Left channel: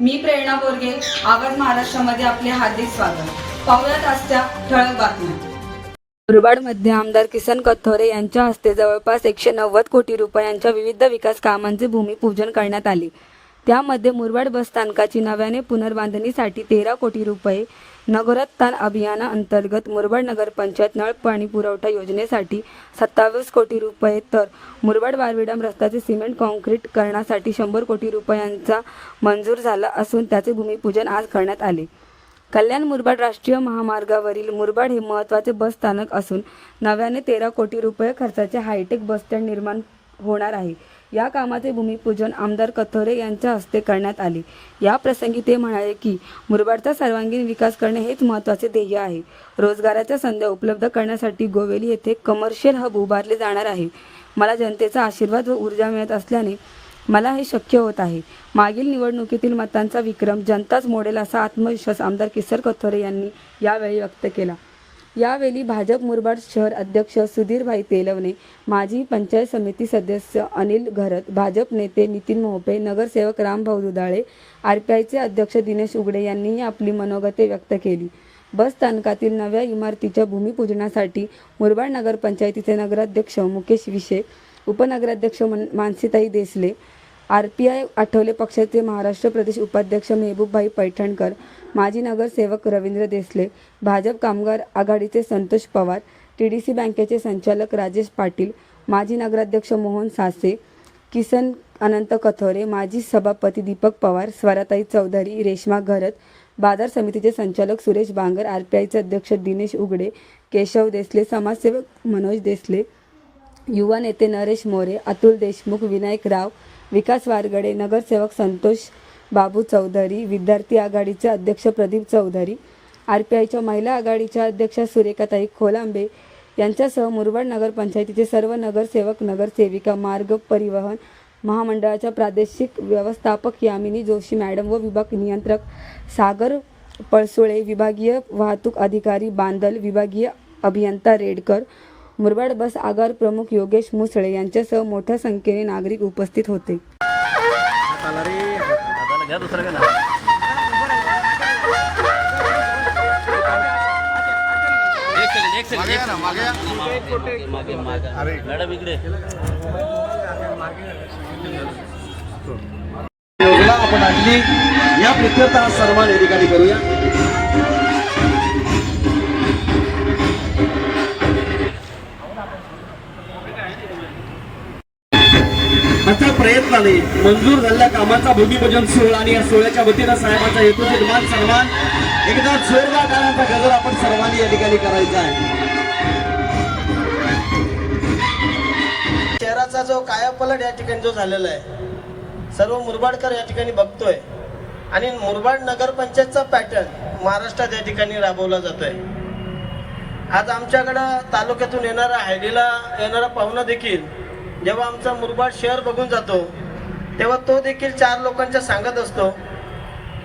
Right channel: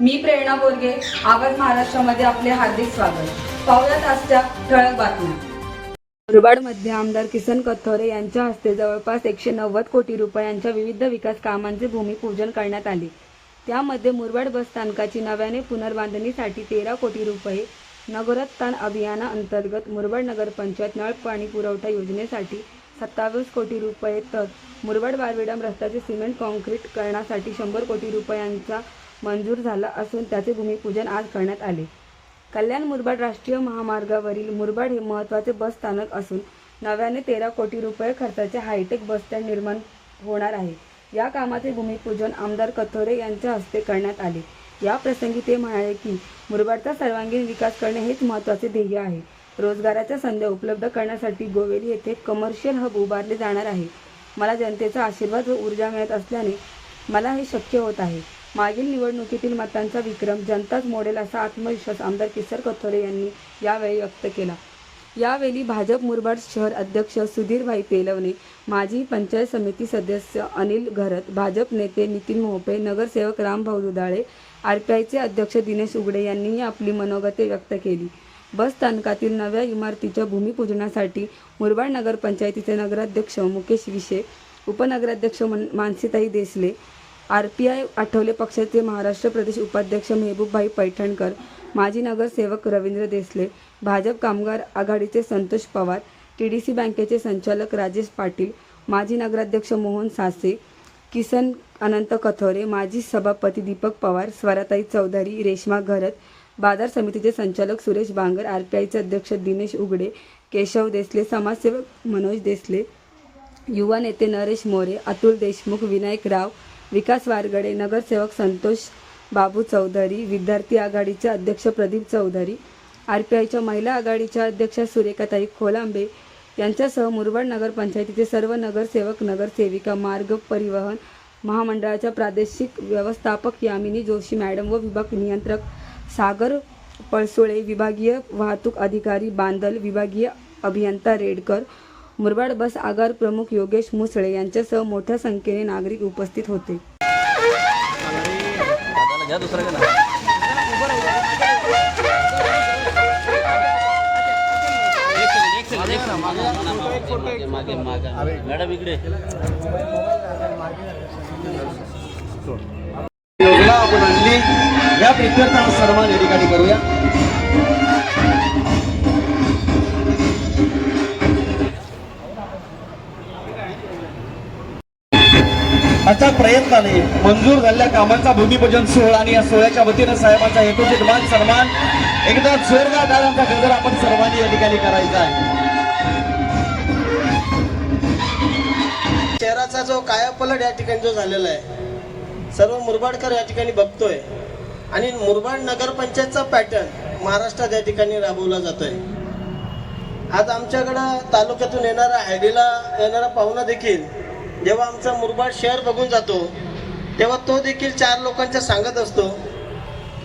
मी प्रेरणा बोरगे, आवाज महाराष्ट्रामध्ये आपले हार्दिक स्वागत. पाहुयात आजच्या ठळक बातम्या. मुरबाडमध्ये आमदार किसन कथोरे यांच्या हस्ते जवळपास 190 कोटी रुपयांच्या विविध विकास कामांचे भूमिपूजन करण्यात आले. त्यामध्ये मुरबाड बस स्थानकाची नव्याने पुनर्बांधणीसाठी 13 कोटी रुपये, नगरोत्थान अभियानाअंतर्गत मुरबाड नगरपंचायत नळ पाणी पुरवठा योजनेसाठी 27 कोटी रुपये, तर मुरबाड वारविडम रस्त्याचे सिमेंट कॉन्क्रीट करण्यासाठी 100 कोटी रुपयांचा मंजूर झाला असून त्याचे भूमिपूजन आज करण्यात आले. कल्याण मुरबाड राष्ट्रीय महामार्गावरील मुरबाड हे महत्त्वाचे बस स्थानक असून नव्याने 13 कोटी रुपये खर्चाचे हायटेक बसस्टँड निर्माण होणार आहे. या कामाचे भूमिपूजन आमदार कथोरे यांच्या हस्ते करण्यात आले. या प्रसंगी ते म्हणाले की मुरबाडचा सर्वांगीण विकास करणे हेच महत्त्वाचे ध्येय आहे. रोजगाराच्या संधी उपलब्ध करण्यासाठी गोवेली येथे कमर्शियल हब उभारले जाणार आहे. मला जनतेचा आशीर्वाद व ऊर्जा मिळत असल्याने मला हे शक्य होत आहे. मागील निवडणुकीतील मतांचा विक्रम जनताच मोडेल असा आत्मविश्वास आमदार किसन कथोरे यांनी यावेळी व्यक्त केला. यावेळी भाजप मुरबाड शहर अध्यक्ष सुधीरभाई तेलवणे, माजी पंचायत समिती सदस्य अनिल घरत, भाजप नेते नितीन मोहपे, नगरसेवक रामभाऊ दुधाळे, आरपीआयचे अध्यक्ष दिनेश उघडे यांनीही आपली मनोगते व्यक्त केली. बस स्थानकातील नव्या इमारतीच्या भूमिपूजनासाठी मुरबाड नगरपंचायतीचे नगराध्यक्ष मुकेश विशे, उपनगराध्यक्ष मानसीताई देसले, आरपीआय आठवले पक्षाचे महाराष्ट्र प्रदेश उपाध्यक्ष मेहबूबभाई पैठणकर, माजी नगरसेवक रवींद्र देसले, भाजप कामगार आघाडीचे संतोष पवार, टीडीसी बँकेचे संचालक राजेश पाटील, माजी नगराध्यक्ष मोहन सासे, किसन अनंत कथोरे, माजी सभापती दीपक पवार, स्वराताई चौधरी, रेश्मा घरत, बाजार समितीचे संचालक सुरेश बांगर, आरपीआयचे अध्यक्ष दिनेश उघडे, केशव देसले, समाजसेवक मनोज देसले, युवा नेते नरेश मोरे, अतुल देशमुख, विनायक राव, विकास वारगडे, नगरसेवक संतोष बाबू चौधरी, विद्यार्थी आघाडीचे अध्यक्ष प्रदीप चौधरी, आरपीआयच्या महिला आघाडीच्या अध्यक्षा सुरेखाताई खोलांबे यांच्यासह मुरबाड नगरपंचायतीचे सर्व नगरसेवक, नगरसेविका, मार्ग परिवहन महामंडळाच्या प्रादेशिक व्यवस्थापक यामिनी जोशी मॅडम व विभाग नियंत्रक सागर पळसोळे, विभागीय वाहतूक अधिकारी बांदल, विभागीय अभियंता रेडकर, मुरबाड बस आगार प्रमुख योगेश मुसळे यांच्यासह मोठ्या संख्येने नागरिक उपस्थित होते. या प्रकृता सन्मान या ठिकाणी करूया. अशा प्रयत्नाने मंजूर झालेल्या कामांचा भूमिपूजन सोहळा आणि या सोहळ्याच्या वतीनं साहेबांचा हेतूचे मान सन्मान एकदा जोरदार टाळ्यांचा गजर आपण सर्वांनी या ठिकाणी करायचा आहे. शहराचा जो कायापलट या ठिकाणी जो झालेला आहे सर्व मुरबाडकर या ठिकाणी बघतोय आणि मुरबाड नगरपंचायतचा पॅटर्न महाराष्ट्रात या ठिकाणी राबवला जातोय. आज आमच्याकडं तालुक्यातून येणारा हायडीला येणारा पाहुणा देखील जेव्हा आमचा मुरबाड शहर बघून जातो तेव्हा तो देखील 4 लोकांच्या सांगत असतो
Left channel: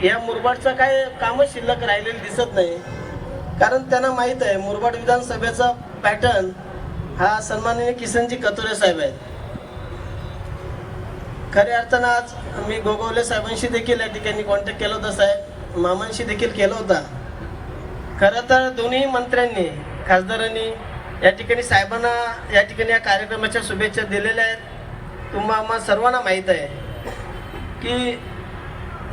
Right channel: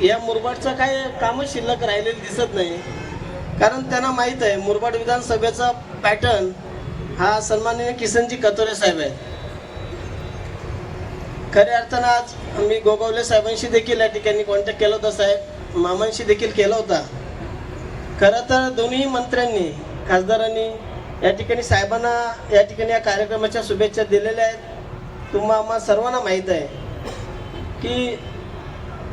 या मुरबाडचं काय कामच शिल्लक राहिलेलं दिसत नाही. कारण त्यांना माहीत आहे मुरबाड विधानसभेचा पॅटर्न हा सन्माननीय किसनजी कथोरे साहेब आहे. खऱ्या अर्थानं आज मी गोगावले साहेबांशी देखील या ठिकाणी कॉन्टॅक्ट केला होता, साहेब मामांशी देखील केला होता. खरं तर दोन्ही मंत्र्यांनी खासदारांनी या ठिकाणी साहेबांना या ठिकाणी या कार्यक्रमाच्या शुभेच्छा दिलेल्या आहेत. आम्हा सर्वांना माहीत आहे की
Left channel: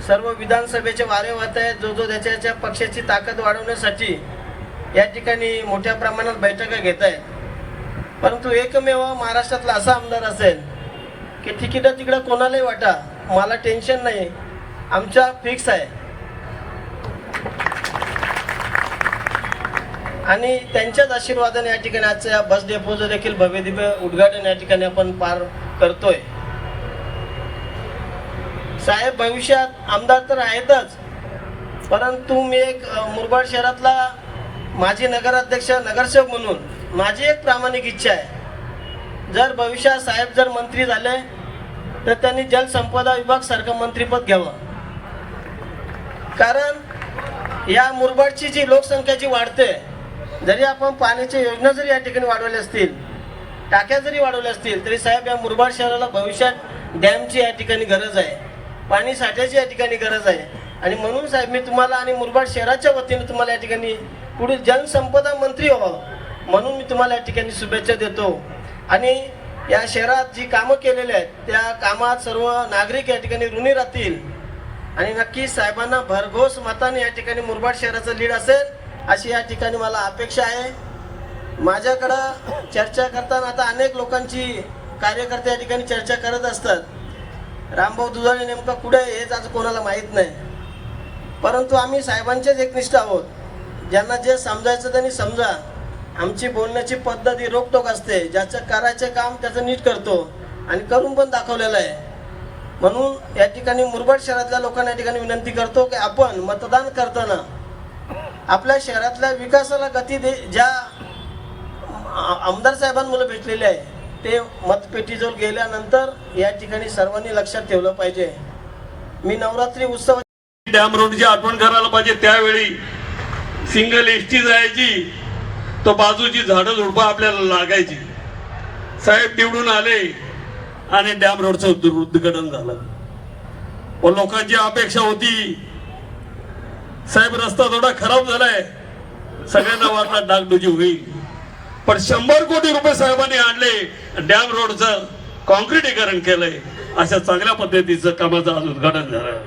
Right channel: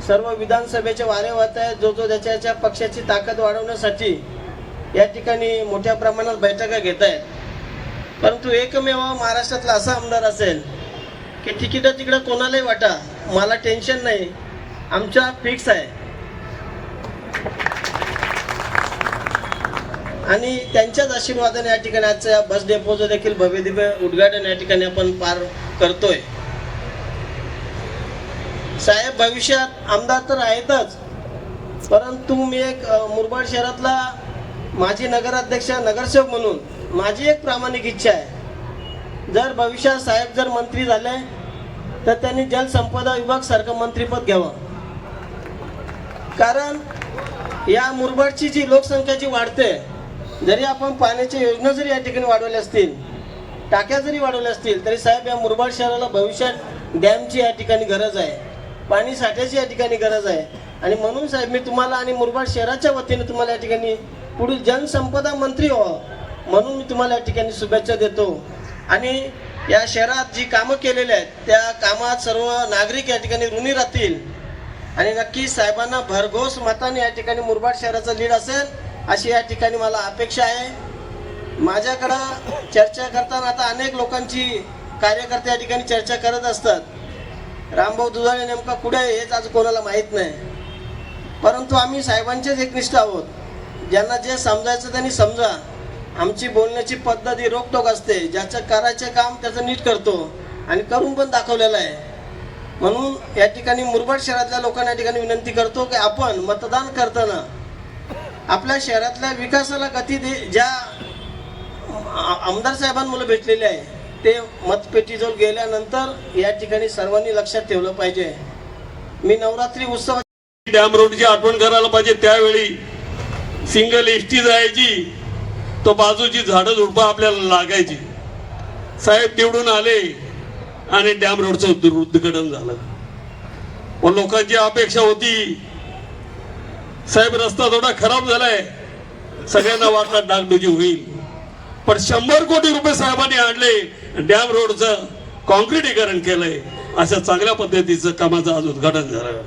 सर्व विधानसभेचे वारे वाहत आहेत. जो त्याच्या पक्षाची ताकद वाढवण्यासाठी या ठिकाणी मोठ्या प्रमाणात बैठका घेत आहेत. परंतु एकमेव महाराष्ट्रातला असा आमदार असेल की तिकडं कोणालाही वाटा मला टेन्शन नाही, आमच्या फिक्स आहे. आणि त्यांच्याच आशीर्वादाने या ठिकाणी आजच्या या बस डेपोचं देखील भव्य दिव्य उद्घाटन या ठिकाणी आपण पार करतोय. साहेब भविष्यात आमदार तर आहेतच, परंतु मी एक मुरबाड शहरातला माजी नगराध्यक्ष नगरसेवक म्हणून माझी एक प्रामाणिक इच्छा आहे, जर भविष्यात साहेब जर मंत्री झाले तर त्यांनी जलसंपदा विभाग सारखं मंत्रीपद घ्यावं. कारण या मुरबाडची जी लोकसंख्या जी वाढते, जरी आपण पाण्याच्या योजना जरी या ठिकाणी वाढवल्या असतील, टाक्या जरी वाढवल्या असतील, तरी साहेब या मुरबाड शहराला भविष्यात डॅमची या ठिकाणी गरज आहे. पाणी साठ्याची या ठिकाणी गरज आहे. आणि म्हणून साहेब मी तुम्हाला आणि मुरबाड शहराच्या वतीने तुम्हाला या ठिकाणी पुढील जलसंपदा मंत्री व्हावं म्हणून मी तुम्हाला या ठिकाणी शुभेच्छा देतो. आणि या शहरात जी कामं केलेली आहेत त्या कामात सर्व नागरिक या ठिकाणी ऋणी राहतील आणि नक्की साहेबांना भरघोस मताने या ठिकाणी मुरबाड शहराचा लीड असेल अशी या ठिकाणी मला अपेक्षा आहे. माझ्याकडं चर्चा करताना आता अनेक लोकांची कार्यकर्ते या ठिकाणी चर्चा करत असतात. रामभाऊ दुधाळे नेमका कुठे आहे हेच आज कोणाला माहीत नाही. परंतु आम्ही साहेबांचेच एकनिष्ठ आहोत. ज्यांना जे समजायचं त्यांनी समजा. आमची बोलण्याची पद्धत ही रोकटोक असते. ज्याचं करायचं काम त्याचं नीट करतो आणि करून पण दाखवलेलं आहे. म्हणून या ठिकाणी मुरबाड शहरातल्या लोकांना या ठिकाणी विनंती करतो की आपण मतदान करताना आपल्या शहरातल्या विकासाला गती ज्या आमदार साहेबांमुळे भेटलेले आहे ते मतपेटीजवळ गेल्यानंतर या ठिकाणी सर्वांनी लक्षात ठेवलं पाहिजे. मी नवरात्री उत्सव डॅम रोडची आठवण करायला पाहिजे. त्यावेळी सिंगल एसटी जायची तर बाजूची झाडं झुडपं आपल्याला लागायची. साहेब निवडून आले आणि डॅम रोडचं उद्घाटन झालं. व लोकांची अपेक्षा होती साहेब रस्ता थोडा खराब झालाय, सगळ्यांना वाटला डागडुजी होईल, पण 100 कोटी रुपये साहेबांनी आणले, डॅम रोडचं कॉन्क्रिटीकरण केलंय. अशा चांगल्या पद्धतीचं कामाचं आज उद्घाटन झालं.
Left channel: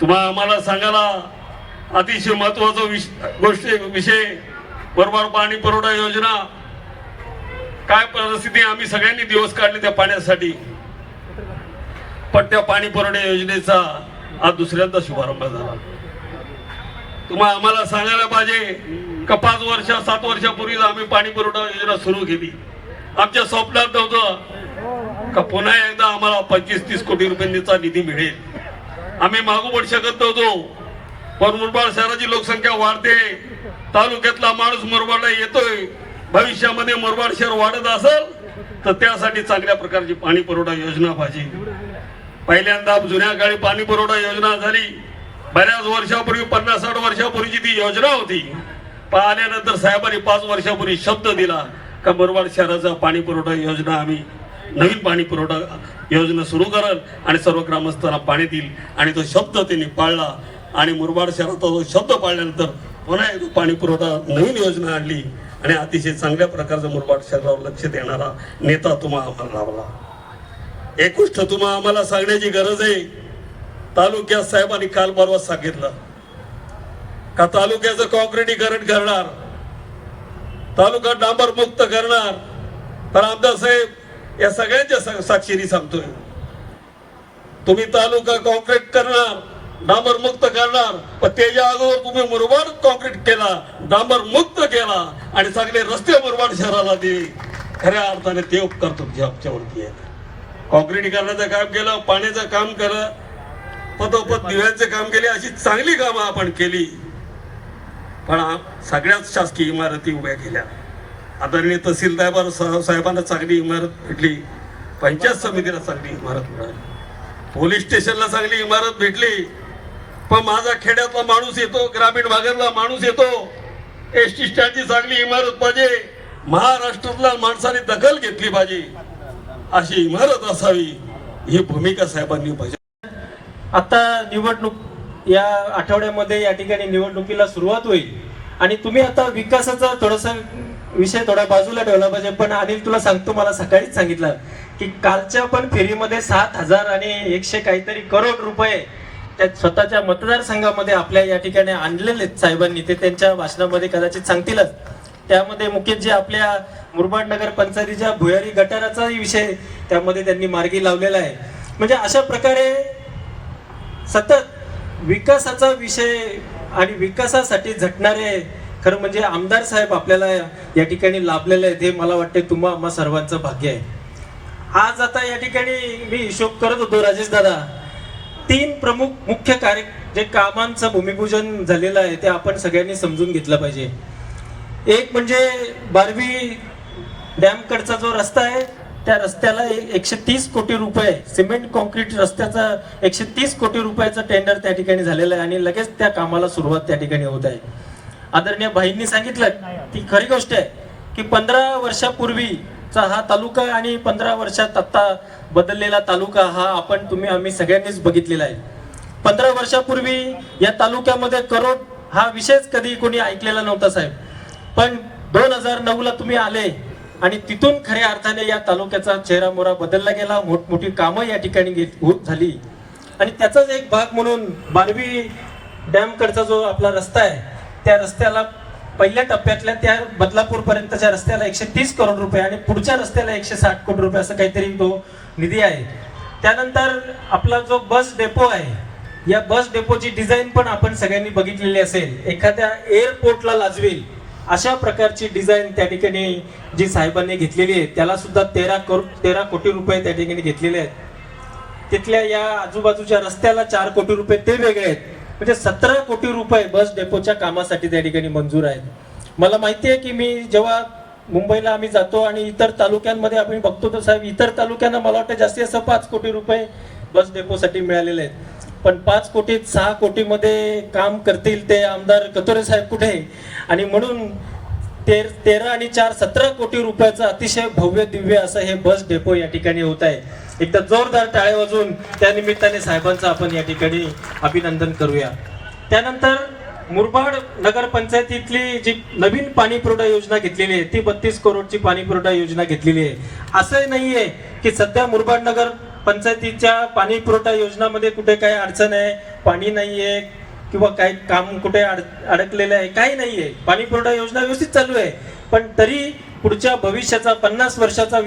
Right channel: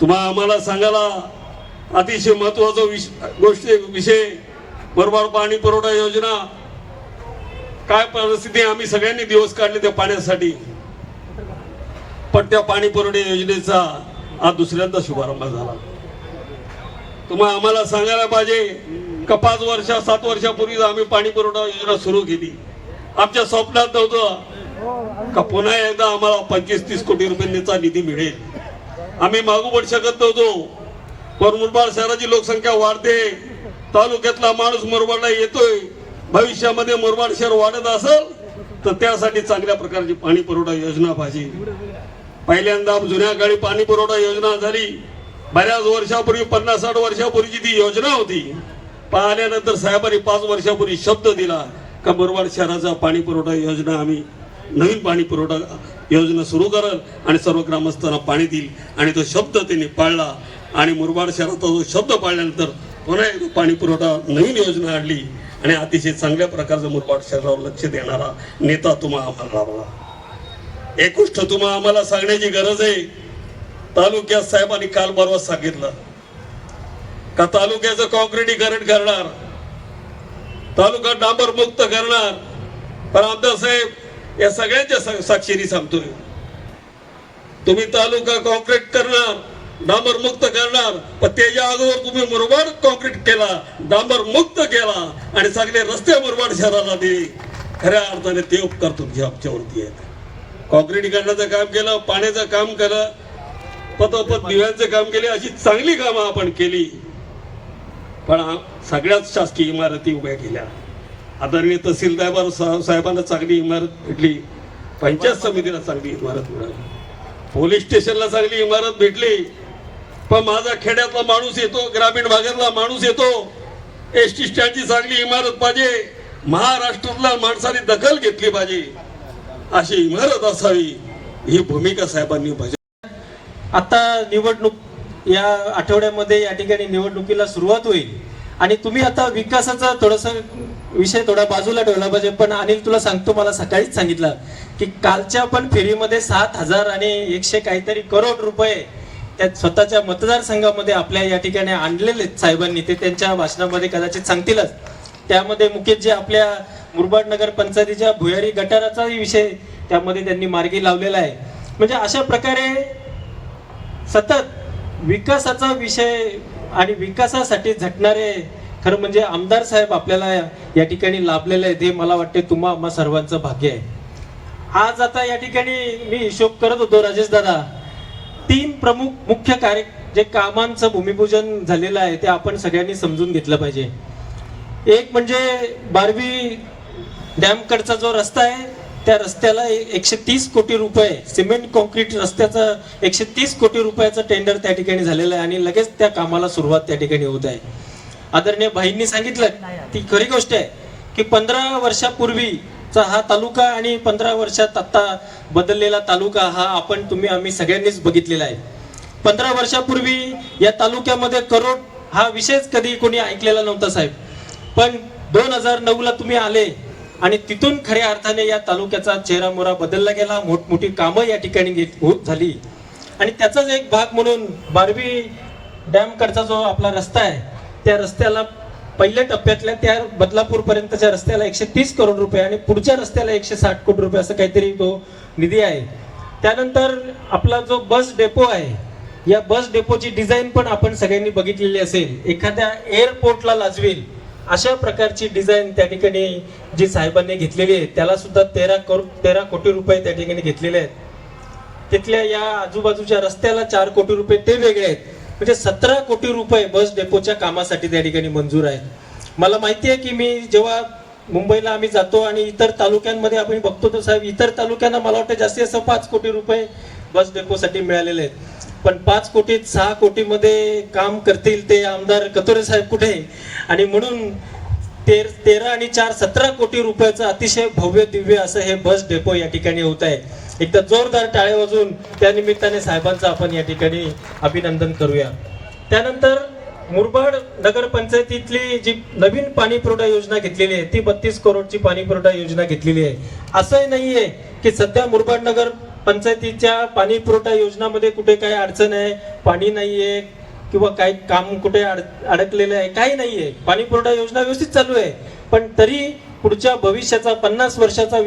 तुम्हाला आम्हाला सांगायला अतिशय महत्वाचा विषय मुरबाड पाणी पुरवठा योजना. काय परिस्थिती आम्ही सगळ्यांनी दिवस काढले त्या पाण्यासाठी, पण त्या पाणी पुरवठा योजनेचा आज दुसऱ्यांदा शुभारंभ झाला. तुम्हाला आम्हाला सांगायला पाहिजे का 5 वर्ष 7 वर्षापूर्वी आम्ही पाणी पुरवठा योजना सुरू केली. आमच्या स्वप्नात नव्हतं का पुन्हा एकदा आम्हाला 25-30 कोटी रुपयांचा निधी मिळेल. आम्ही मागू पडू शकत नव्हतो. पण मुरबाड शहराची लोकसंख्या वाढते, तालुक्यातला माणूस मुरबाडला येतोय. भविष्यामध्ये मुरबाड शहर वाढत असेल तर त्यासाठी चांगल्या प्रकारची पाणी पुरवठा योजना पाहिजे. पहिल्यांदा जुन्या काळी पाणी पुरवठा योजना झाली. बऱ्याच वर्षापूर्वी 50-60 वर्षापूर्वीची ती योजना होती. पाहिल्यानंतर साहेबांनी 5 वर्षापूर्वी शब्द दिला का मुरबाड शहराचा पाणी पुरवठा योजना आम्ही नवीन पाणी पुरवठा योजना सुरू कराल आणि सर्व ग्रामस्थांना पाणी देईल. आणि तो शब्द त्यांनी पाळला आणि मुरबाड शहराचा जो शब्द पाळल्यानंतर पुन्हा एकदा पाणी पुरवठा नवीन योजना आणली आणि अतिशय चांगल्या प्रकारचा मुरबाड शहरावर लक्ष देणारा नेता तुम्हाला लाभला. एक गोष्ट तुम्हाला आम्हाला सांगण्याची गरज आहे. तालुक्यात साहेबांनी काल परवा सांगितलं का तालुक्याचं कॉन्क्रिटीकरण करणार, तालुका डांबर मुक्त करणार. पण आमदार साहेब या सगळ्यांच्या साक्षीने सांगतोय तुम्ही तालुका कॉन्क्रीट करणार, डांबर मुक्त करणार, पण त्याच्या अगोदर तुम्ही मुरबाड कॉन्क्रीट केला, डांबर मुक्त केला आणि सगळे रस्ते मुरबाड शहराला दिले. खऱ्या अर्थाने ते उपकार तुमच्या आमच्यावरती आहेत. कॉन्क्रिटीकरणाचं काम केलं, पाण्याचं काम केलं, पदोपद दिव्यांचे काम केले, अशी चांगली कामं आपण केली. पण सगळ्याच शासकीय इमारती उभ्या केल्या. आदरणीय तहसीलदार साहेबांना चांगली इमारत भेटली, पंचायत समितीला चांगली इमारत मिळाली, पोलीस स्टेशनला चांगली इमारत भेटली. पण माझा खेड्यातला माणूस येतो, ग्रामीण भागातला माणूस येतो, एसटी स्टँडची चांगली इमारत पाहिजे, महाराष्ट्रातल्या माणसाने दखल घेतली पाहिजे, अशी इमारत असावी, ही भूमिका साहेबांनी पाहिजे. आता निवडणूक या आठवड्यामध्ये या ठिकाणी निवडणुकीला सुरुवात होईल आणि तुम्ही आता विकासाचा थोडासा विषय थोडा बाजूला ठेवला पाहिजे. पण अनिल तुला सांगतो, मला सकाळीच सांगितलं की कालच्या पण फेरीमध्ये 7,000 आणि 100 काहीतरी करोड रुपये त्या स्वतःच्या मतदारसंघामध्ये आपल्या या ठिकाणी आणलेले आहेत साहेबांनी. ते त्यांच्या भाषणामध्ये कदाचित सांगतीलच. त्यामध्ये मुख्य जे आपल्या मुरबाड नगर पंचायतीच्या भुयारी गटाराचा विषय त्यामध्ये त्यांनी मार्गी लावलेला आहे. म्हणजे अशा प्रकारे सतत विकासाचा विषय आणि विकासासाठी झटणारे खरं म्हणजे आमदार साहेब आपल्याला या ठिकाणी लाभलेले आहेत. हे मला वाटते आम्हा सर्वांचं भाग्य आहे. आज आता या ठिकाणी मी हिशोब करत होतो राजेश दादा, 3 प्रमुख मुख्य कार्य जे कामांचं भूमिपूजन झालेलं आहे ते आपण सगळ्यांनी समजून घेतलं पाहिजे. एक म्हणजे बारवी डॅम कडचा जो रस्ता आहे त्या रस्त्याला 130 कोटी रुपये सिमेंट कॉन्क्रीट रस्त्याचा 130 कोटी रुपयाचं टेंडर त्या ठिकाणी झालेलं आहे आणि लगेच त्या कामाला सुरुवात त्या ठिकाणी होत आहे. आदरणीय भाईंनी सांगितलं ती खरी गोष्ट आहे की 15 वर्षापूर्वी चा हा तालुका आणि 15 वर्षात आता बदललेला तालुका हा आम्ही सगळ्यांनीच बघितलेला आहे. 15 वर्षापूर्वी या तालुक्यामध्ये करोड हा विषयच कधी कोणी ऐकलेला नव्हता साहेब. पण 2009 ला तुम्ही आले आणि तिथून खऱ्या अर्थाने या तालुक्याचा चेहरा मोहरा बदलला गेला. मोठमोठी कामं या ठिकाणी झाली आणि त्याचाच एक भाग म्हणून बारवी डॅम कडचा जो आपला रस्ता आहे त्या रस्त्याला पहिल्या टप्प्यातल्या त्या बदलापूर पर्यंतच्या रस्त्याला 130 करोड रुपये आणि पुढच्या रस्त्याला 160 कोटी रुपये असं काहीतरी तो निधी आहे. त्यानंतर आपला जो बस डेपो आहे या बस डेपोची डिझाईन पण आपण सगळ्यांनी बघितलेली असेल. एखाद्या एअरपोर्टला लाजवेल अशा प्रकारची डिझाईन त्या ठिकाणी जी साहेबांनी घेतलेली आहे. त्याला सुद्धा 13 कोटी रुपये त्या ठिकाणी घेतलेले आहेत. तिथल्या या आजूबाजूच्या रस्त्याला 4 कोटी रुपये ते वेगळे आहेत. म्हणजे 17 कोटी रुपये बस डेपोच्या कामासाठी त्या ठिकाणी मंजूर आहेत. मला माहिती आहे की मी जेव्हा मुंबईला आम्ही जातो आणि इतर तालुक्यांमध्ये आपण बघतो तर साहेब इतर तालुक्यांना मला वाटतं जास्तीत जास्त 5 कोटी रुपये बस डेपोसाठी मिळालेले आहेत. पण 5 कोटीत 6 कोटीमध्ये काम करतील ते आमदार कथोरे साहेब कुठे? आणि म्हणून 13 आणि 4 17 कोटी रुपयाचं अतिशय भव्य दिव्य असं हे बस डेपो या ठिकाणी होत आहे. एकदा जोरदार टाळे वाजवून त्या निमित्ताने साहेबांचं आपण या ठिकाणी अभिनंदन करूया. त्यानंतर मुरबाड नगरपंचायतीतली जी नवीन पाणी पुरवठा योजना घेतलेली आहे ती 32 करोडची पाणी पुरवठा योजना घेतलेली आहे. असं नाहीये की सध्या मुरबाड नगर पंचायतीच्या पाणी पुरवठा योजनामध्ये कुठे काही अडचण आहे, पाणी नाहीये किंवा काही काम कुठे अडकलेलं आहे, काही नाहीये. पाणी पुरवठा योजना व्यवस्थित चालू आहे. पण तरी पुढच्या भविष्याचा 50 वर्षाचा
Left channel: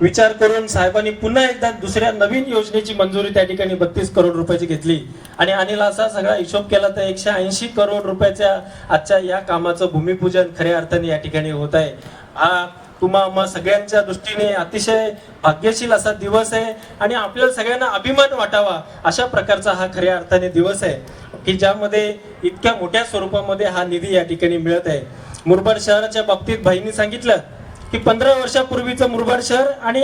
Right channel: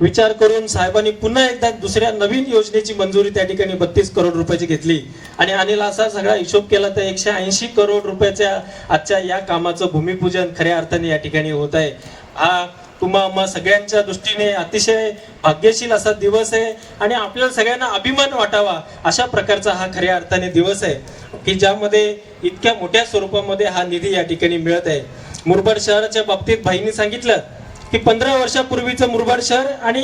विचार करून साहेबांनी पुन्हा एकदा दुसऱ्या नवीन योजनेची मंजुरी त्या ठिकाणी 32 करोड रुपयाची घेतली आणि अनिल असा सगळा हिशोब केला तर 180 करोड रुपयाच्या आजच्या या कामाचं भूमिपूजन खऱ्या अर्थाने या ठिकाणी होत आहे. हा तुम्हा सगळ्यांच्या दृष्टीने अतिशय भाग्यशील असा दिवस आहे आणि आपल्याला सगळ्यांना अभिमान वाटावा अशा प्रकारचा हा खऱ्या अर्थाने दिवस आहे की ज्यामध्ये इतक्या मोठ्या स्वरूपामध्ये हा निधी या ठिकाणी मिळत आहे. मुरबाड शहराच्या बाबतीत भाईंनी सांगितलं की 15 वर्षापूर्वीचं मुरबाड शहर आणि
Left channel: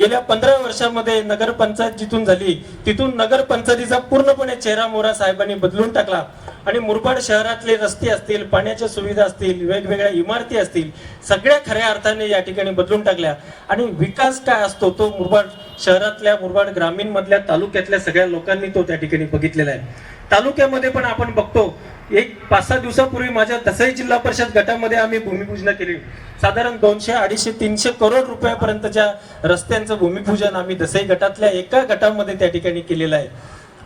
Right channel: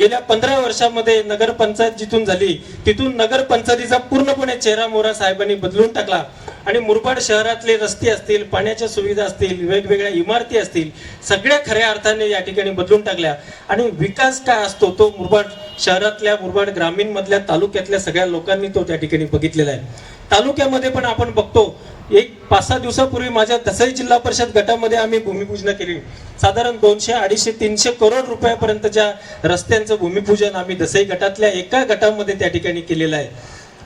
गेल्या 15 वर्षामध्ये नगरपंचायत जिथून झाली तिथून नगरपंचायतीचा पूर्णपणे चेहरा मोहरा साहेबांनी बदलून टाकला आणि मुरबाड शहरातले रस्ते असतील, पाण्याच्या सुविधा असतील, वेगवेगळ्या इमारती असतील, सगळ्या खऱ्या अर्थाने या ठिकाणी बदलून टाकल्या. आणि विकास काय असतो तो मुरबाड शहरातल्या, मुरबाड ग्रामीण मधल्या, तालुक्यातल्या सगळ्या लोकांनी तो त्या ठिकाणी बघितलेला आहे. तालुक्यामध्ये पण आपण बघतो एक 5-6 दिवसापूर्वी माझ्या दसई जिल्हा परिषद गटामध्ये आम्ही भूमिपूजन केली. साधारण 200, 250, 300 करोड रुपयापर्यंतच्या रस्त्यांचं भूमिपूजन आम्ही दसई गटातल्या एका गटामध्ये त्या ठिकाणी केलेलं आहे.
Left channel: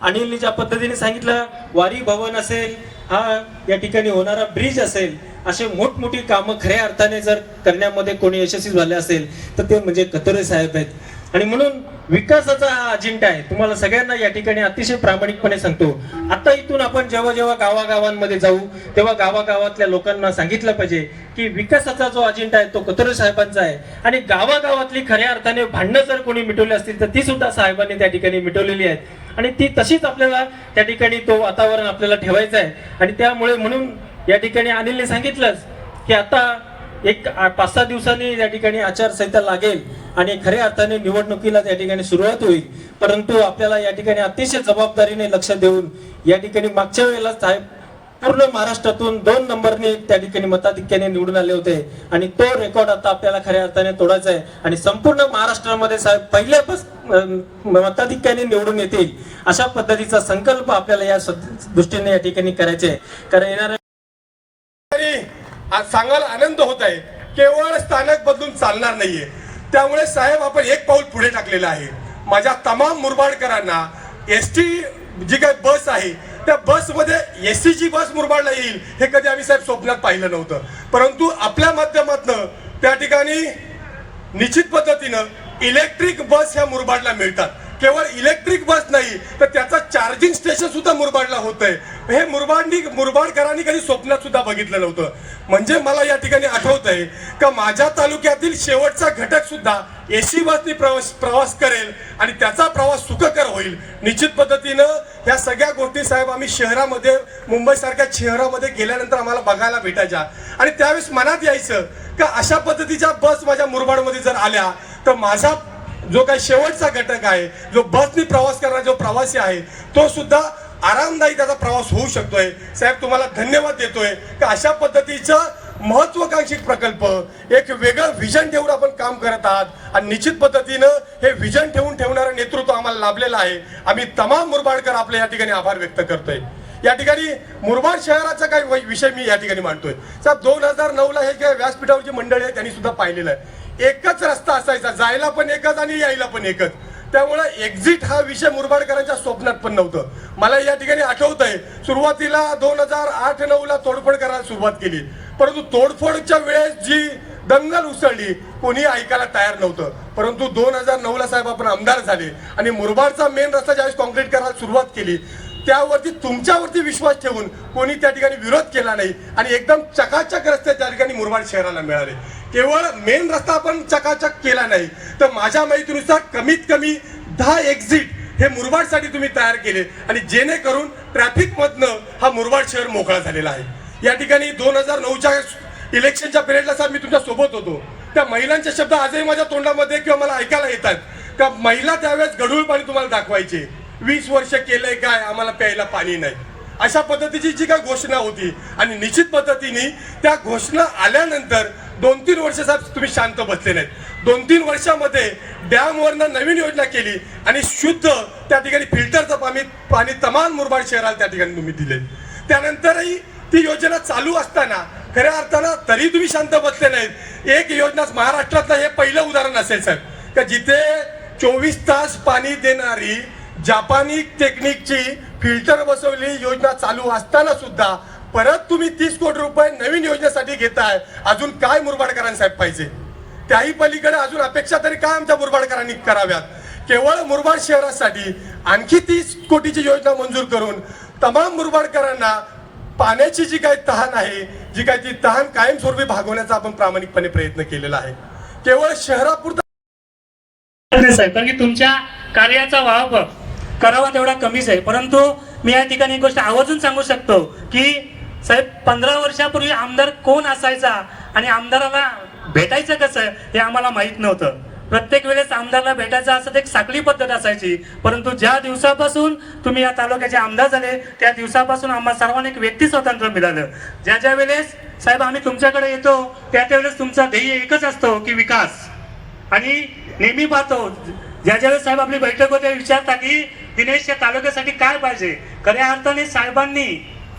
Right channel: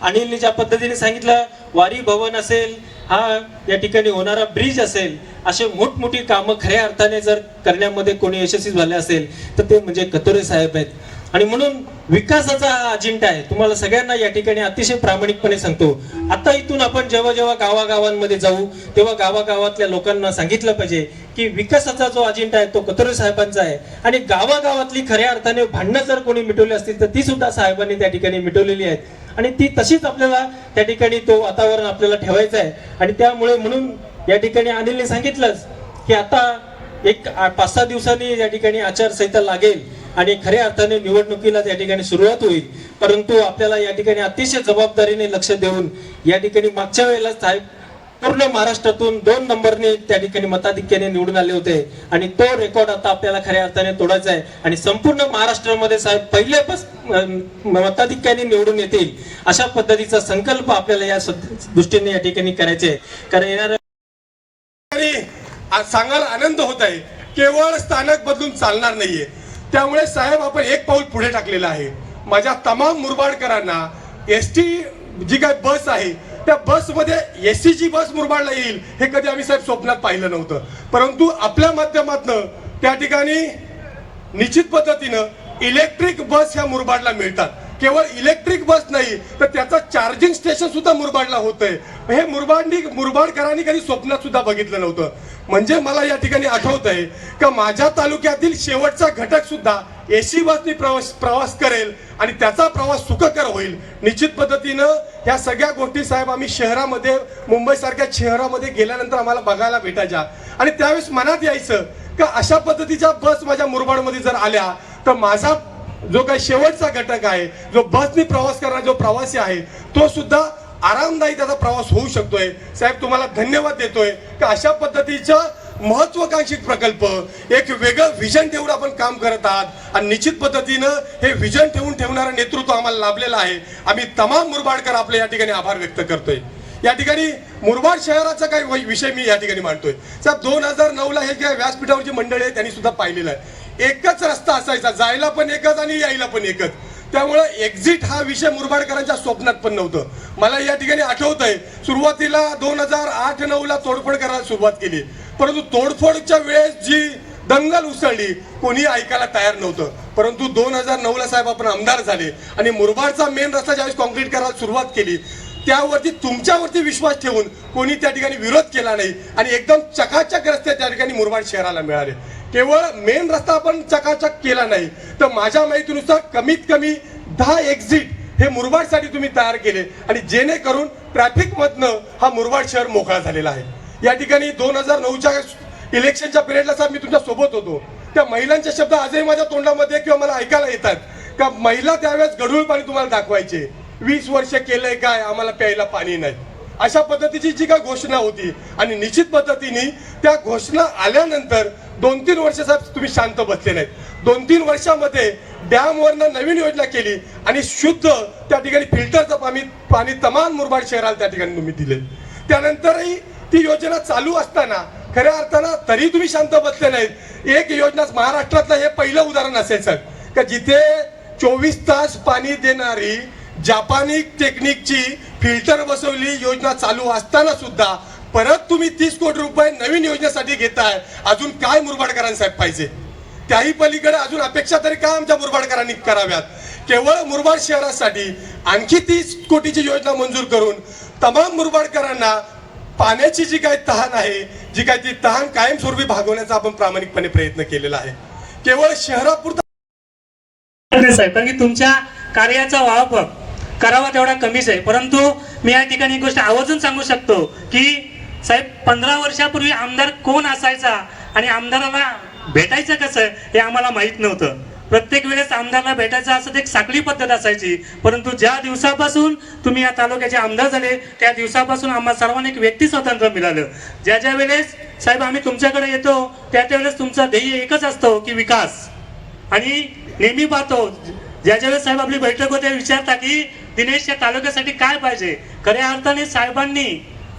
अनिलने ज्या पद्धतीने सांगितलं वारी भवन असेल, हा या ठिकाणी होणारा ब्रिज असेल, असे मोठमोठी कामं खऱ्या अर्थाने जर करण्यामध्ये कोणी यशस्वी झाले असेल तर ते म्हणजे कथोरे साहेब आहेत. आणि म्हणून विकासाचा हा अजेंडा आहे. तुम्हाला सगळ्यांना या ठिकाणी अतिशय प्रामाणिकपणे सांगतो, आता इथून आपण जेव्हा जेव्हा गावागावांमध्ये जाऊ तेव्हा गावागावातल्या लोकांना सांगितलं पाहिजे की विकासाचा जो अजेंडा आहे तो कथोरे साहेबांचा आहे. आणि गावागावातली खऱ्या अर्थाने भांडणं जर कोणी मिटवली असतील तर ती सुद्धा साहेबांनी त्या ठिकाणी मिटवलेली आहेत आणि ती तशीच आपल्याला त्या ठिकाणी तो वातावरण आपल्याला ठेवायचं आहे. आणि त्यामुळे म्हणून या ठिकाणी अनिलने सांगितलंच की आता एक 5-6 दिवसांनी या ठिकाणी आचारसंहिता लागेल आणि खऱ्या अर्थाने निवडणुकीला त्या ठिकाणी सुरुवात होईल. परंतु आपल्याला या ठिकाणी अतिशय जबाबदारीने लक्ष देऊन या ठिकाणी मागच्या वेळेला साहेब पूर्ण महाराष्ट्रातून 2 नंबरने त्या ठिकाणी मताधिक्याने निवडून आले होते आणि तो रेकॉर्ड आता आपल्याला खऱ्या अर्थाने तोडायचा आहे आणि संपूर्ण महाराष्ट्रामध्ये साहेब पहिल्यापासून मताधिक्याने निवडून येतील अशा पद्धतीचा संकल्प आपल्याला या दृष्टीने या ठिकाणी करायचा आहे. कारण येणाऱ्या आज सांगायला आनंद होत आहे केवळ स्थानक बदलून चालणार नाहीये. त्यामुळे साहेब आपण एक पाऊल पुढे टाकलेलं आहे. माझ्या तमाम मुरबाडकरांना एसटी जी काही बस आहे त्या बसमध्ये एसटीची बस मुरबाडला येईल हे कधी आम्ही साहेब स्वप्नात पाहिलं नव्हतं. परंतु आपल्या माध्यमातून त्या ठिकाणी निश्चित पद्धतीनं इलेक्ट्रिक बस ह्या मुरबाडला मिळतात. केवळ इलेक्ट्रिक बस नाही तर त्याचा चार्जिंग स्टेशन सुद्धा मुरबाडला होतंय. हे मुरबाडकरांनी कधी स्वप्नात सुद्धा बघितलं नव्हतं. म्हणजे मला या ठिकाणी आठवत आहे का माझ्या तालुक्यातील शेवटचा घटक सुद्धा एसी बसने प्रवास करेल आणि त्याचा प्रवास सुखकर होईल. निश्चित पद्धतीनं ह्या सगळ्या गोष्टी साहेब आम्ही शहरामध्ये, मुंबई सारख्या शहरामध्ये गेल्यानंतर आम्हाला बघायला भेटायच्या आणि त्यावेळेस मनात यायचं का अशा पद्धतीच्या बस माझ्या मुरबाडमध्ये जर आल्या तर माझा जो काही शेवटचा घटक आहे, जो बसने प्रवास करणारा जो प्रवासी आहे तो सुद्धा आरामदायी त्याचा प्रवास होऊ शकतोय. साहेब तुम्हाला धन्यवाद देतोय की अशा पद्धतीचं महत्वाकांक्षी प्रकल्प, एक वेगळं विजन ठेवून आपण काम करत आहात आणि निश्चित पद्धतीनं हे विजन ठेवणारं नेतृत्व आम्हाला लाभलेलं आहे. आम्ही तमाम मुरबाडकर आपले या ठिकाणी आभार व्यक्त करतोय. या ठिकाणी मुरबाड शहराचा काही विषय मी या ठिकाणी मांडतोय. साहेब 2009ला हे जे व्यासपीठावरची मंडळी आहे त्यांनी सुद्धा पाहिलेलं आहे. एकच रस्ता असायचा, जायला पण एकच आणि यायला पण एकच. त्यामुळे एक्झिट हा विषय मुरबाडकरांच्या स्वप्नात पण नव्हतं. मला या ठिकाणी आठवतंय सुरुवातीला 2008-9ला तोडफोड करायला सुरुवात केली, परंतु तोडफोडच्या वेळेस जी दंगल उसळली कोणी ऐकायला तयार नव्हतं. परंतु 2009ला साहेब आपण आमदार झाले आणि मुरबाडचा मेन रस्ता ज्यावेळेस कॉन्क्रीट करायला सुरुवात केली त्यावरती तुमच्यावरती विश्वास ठेवून कोणी त्या ठिकाणी विरोध केला नाही आणि एकदम चकाचक रस्ते त्या ठिकाणी मुरबाड शहराला मिळाले. केवळ मेन रस्ता आपण चकाचक केला नाही तर माझ्या माहितीनुसार कमीत कमी 10 एक्झिट हे मुरबाडसाठी तुम्ही तयार केले आणि जेणेकरून ट्रॅफिक मधनं हा मुरबाड शहर मोकळा झालेला आहे. या ठिकाणी 2009च्या इलेक्शनच्या पिरियडला साहेब मी तुमच्या सोबत होतो. त्या महिलांचे शब्द आजही माझ्या तोंडामध्ये किंवा मला ऐकायला येतात का महिला त्यावेळेस गढूळ पाणी तुम्हाला दाखवायचे, 20 वर्ष केलंय काय, आम्हाला प्यायला पाणी नाही, अशा पद्धतीची जी काय घोषणा होती. आणि निश्चित पद्धतीने त्या घोषणा आल्यानंतर 2-3 वर्ष साहेब तुम्ही शांत बसले नाहीत. 2-3 वर्षामध्ये डॅमवरनं नवीन योजना केली आणि शुद्ध त्या ठिकाणी फिल्टरचं पाणी तमाम मुरबाड शहराला त्या ठिकाणी तुम्ही दिले. त्यानंतरही ती योजना चालू असताना खऱ्या अर्थानं तरी तुम्ही शांत बसले नाहीत. एक योजना महाराष्ट्रातलं हे पहिलं उदाहरण असेल साहेब का जिथे 24 तास पाणी देणारी जापानी टेक्निकची फिल्टर बसवलेली योजना चालू असताना सुद्धा परत तुम्ही 30 कोटी रुपये नवीन योजनेसाठी घेताय. अजून काय मुरबाडकरांसाठी पाहिजे? त्याही पलीकडे अजून अपेक्षा तरी काय आमच्या मुरबाडकरांनी कराव्यात? केवळ मुरबाड शहरासाठी आणखी 30 कोटीची योजना मंजूर करून तमाम मुरबाडकरांना पाण्याची जी काही तहान आहे, जी काही ती तहान कायमस्वरूपी भागवण्याचा आपण प्रामाणिकपणे प्रयत्न केलेला आहे. केवळ शहरापुरता साहेब, कारण की तुमच्या कार्याचा वापर करावा तेवढा कमीच आहे. परंतु मी या ठिकाणी एक गोष्ट आवर्जून सांगू शकतो की साहेब 15 वर्षापूर्वी आमदार कोण असायचा आणि आमदाराला भेटायचं कसं हे आम्हाला माहित नव्हतं. प्रत्येक वेळेस आमदाराला भेटायचं असं एक साखळी पद्धत असायची. परंतु ज्या दिवसापासून तुम्ही या तालुक्याचे आमदार झाले त्या दिवसापासून आम्हाला सर्वांना एक व्यक्ती स्वातंत्र्य मिळालं. ज्या ज्या वेळेस साहेब आम्ही तुमच्याकडे येतो त्या त्यावेळेस तुमचा ध्येय एकच असतो की विकास. आणि नेहमी पाहतो ज्या ज्यावेळेस साहेब आपली बैठक होते विचारता की दिनेश या तालुक्यासाठी काय पाहिजे. खऱ्या अर्थाने साहेबांनी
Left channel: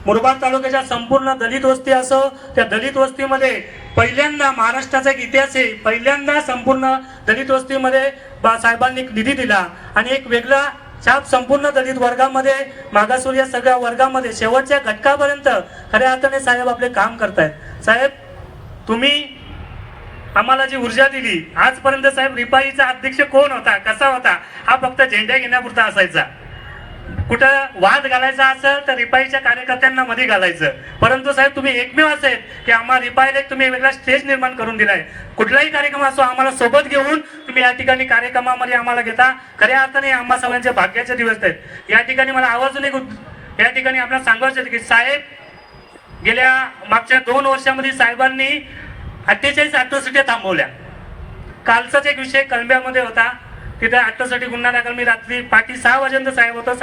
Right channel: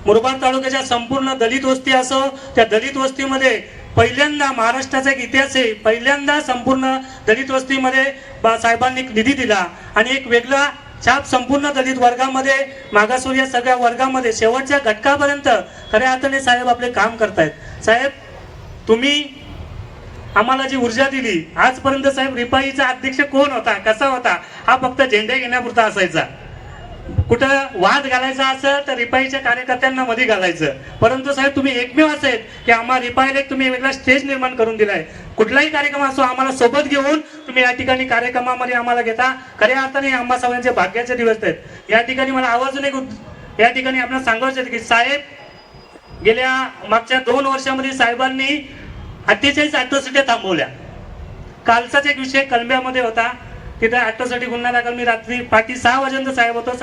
मुरबाड तालुक्याच्या संपूर्ण दलित वस्ती असो त्या दलित वस्तीमध्ये पहिल्यांदा महाराष्ट्राचा एक इतिहास आहे, पहिल्यांदा संपूर्ण दलित वस्तीमध्ये साहेबांनी निधी दिला आणि एक वेगळा छाप संपूर्ण दलित वर्गामध्ये मागासवर्गीय या सगळ्या वर्गामध्ये शेवटच्या घटकापर्यंत खऱ्या अर्थाने साहेब आपले काम करतायत. साहेब तुम्ही आम्हाला जी ऊर्जा दिली आजपर्यंत साहेब रिपाईचा अध्यक्ष कोण होता, कसा होता, हा फक्त झेंडा घेण्यापुरता असायचा. कुठं वाद घालायचा असेल तर रिपाईच्या कार्यकर्त्यांना मध्ये घालायचं. परंतु साहेब तुम्ही एकमेव असेल की आम्हाला रिपाईला एक तुम्ही वेगळा स्टेज निर्माण करून दिलाय. कुठलाही कार्यक्रम असो आम्हाला सोबत घेऊन तुम्ही या ठिकाणी कार्यक्रमामध्ये आम्हाला घेता. खऱ्या अर्थाने आम्हा सगळ्यांचे भाग्याचे दिवस आहेत. या ठिकाणी मला आवाजून एक या ठिकाणी आपल्याला सांगायचं की साहेब गेल्या मागच्या 2 वर्षामध्ये साहेबांनी 48 ॲट्रॉसिटी थांबवल्या. कालचाच एक विषय कलंब्यामध्ये होता, तिथे ॲट्रॉसिटी गुन्हा दाखल. मी रात्री 6 वाजेपर्यंत साहेब होतो.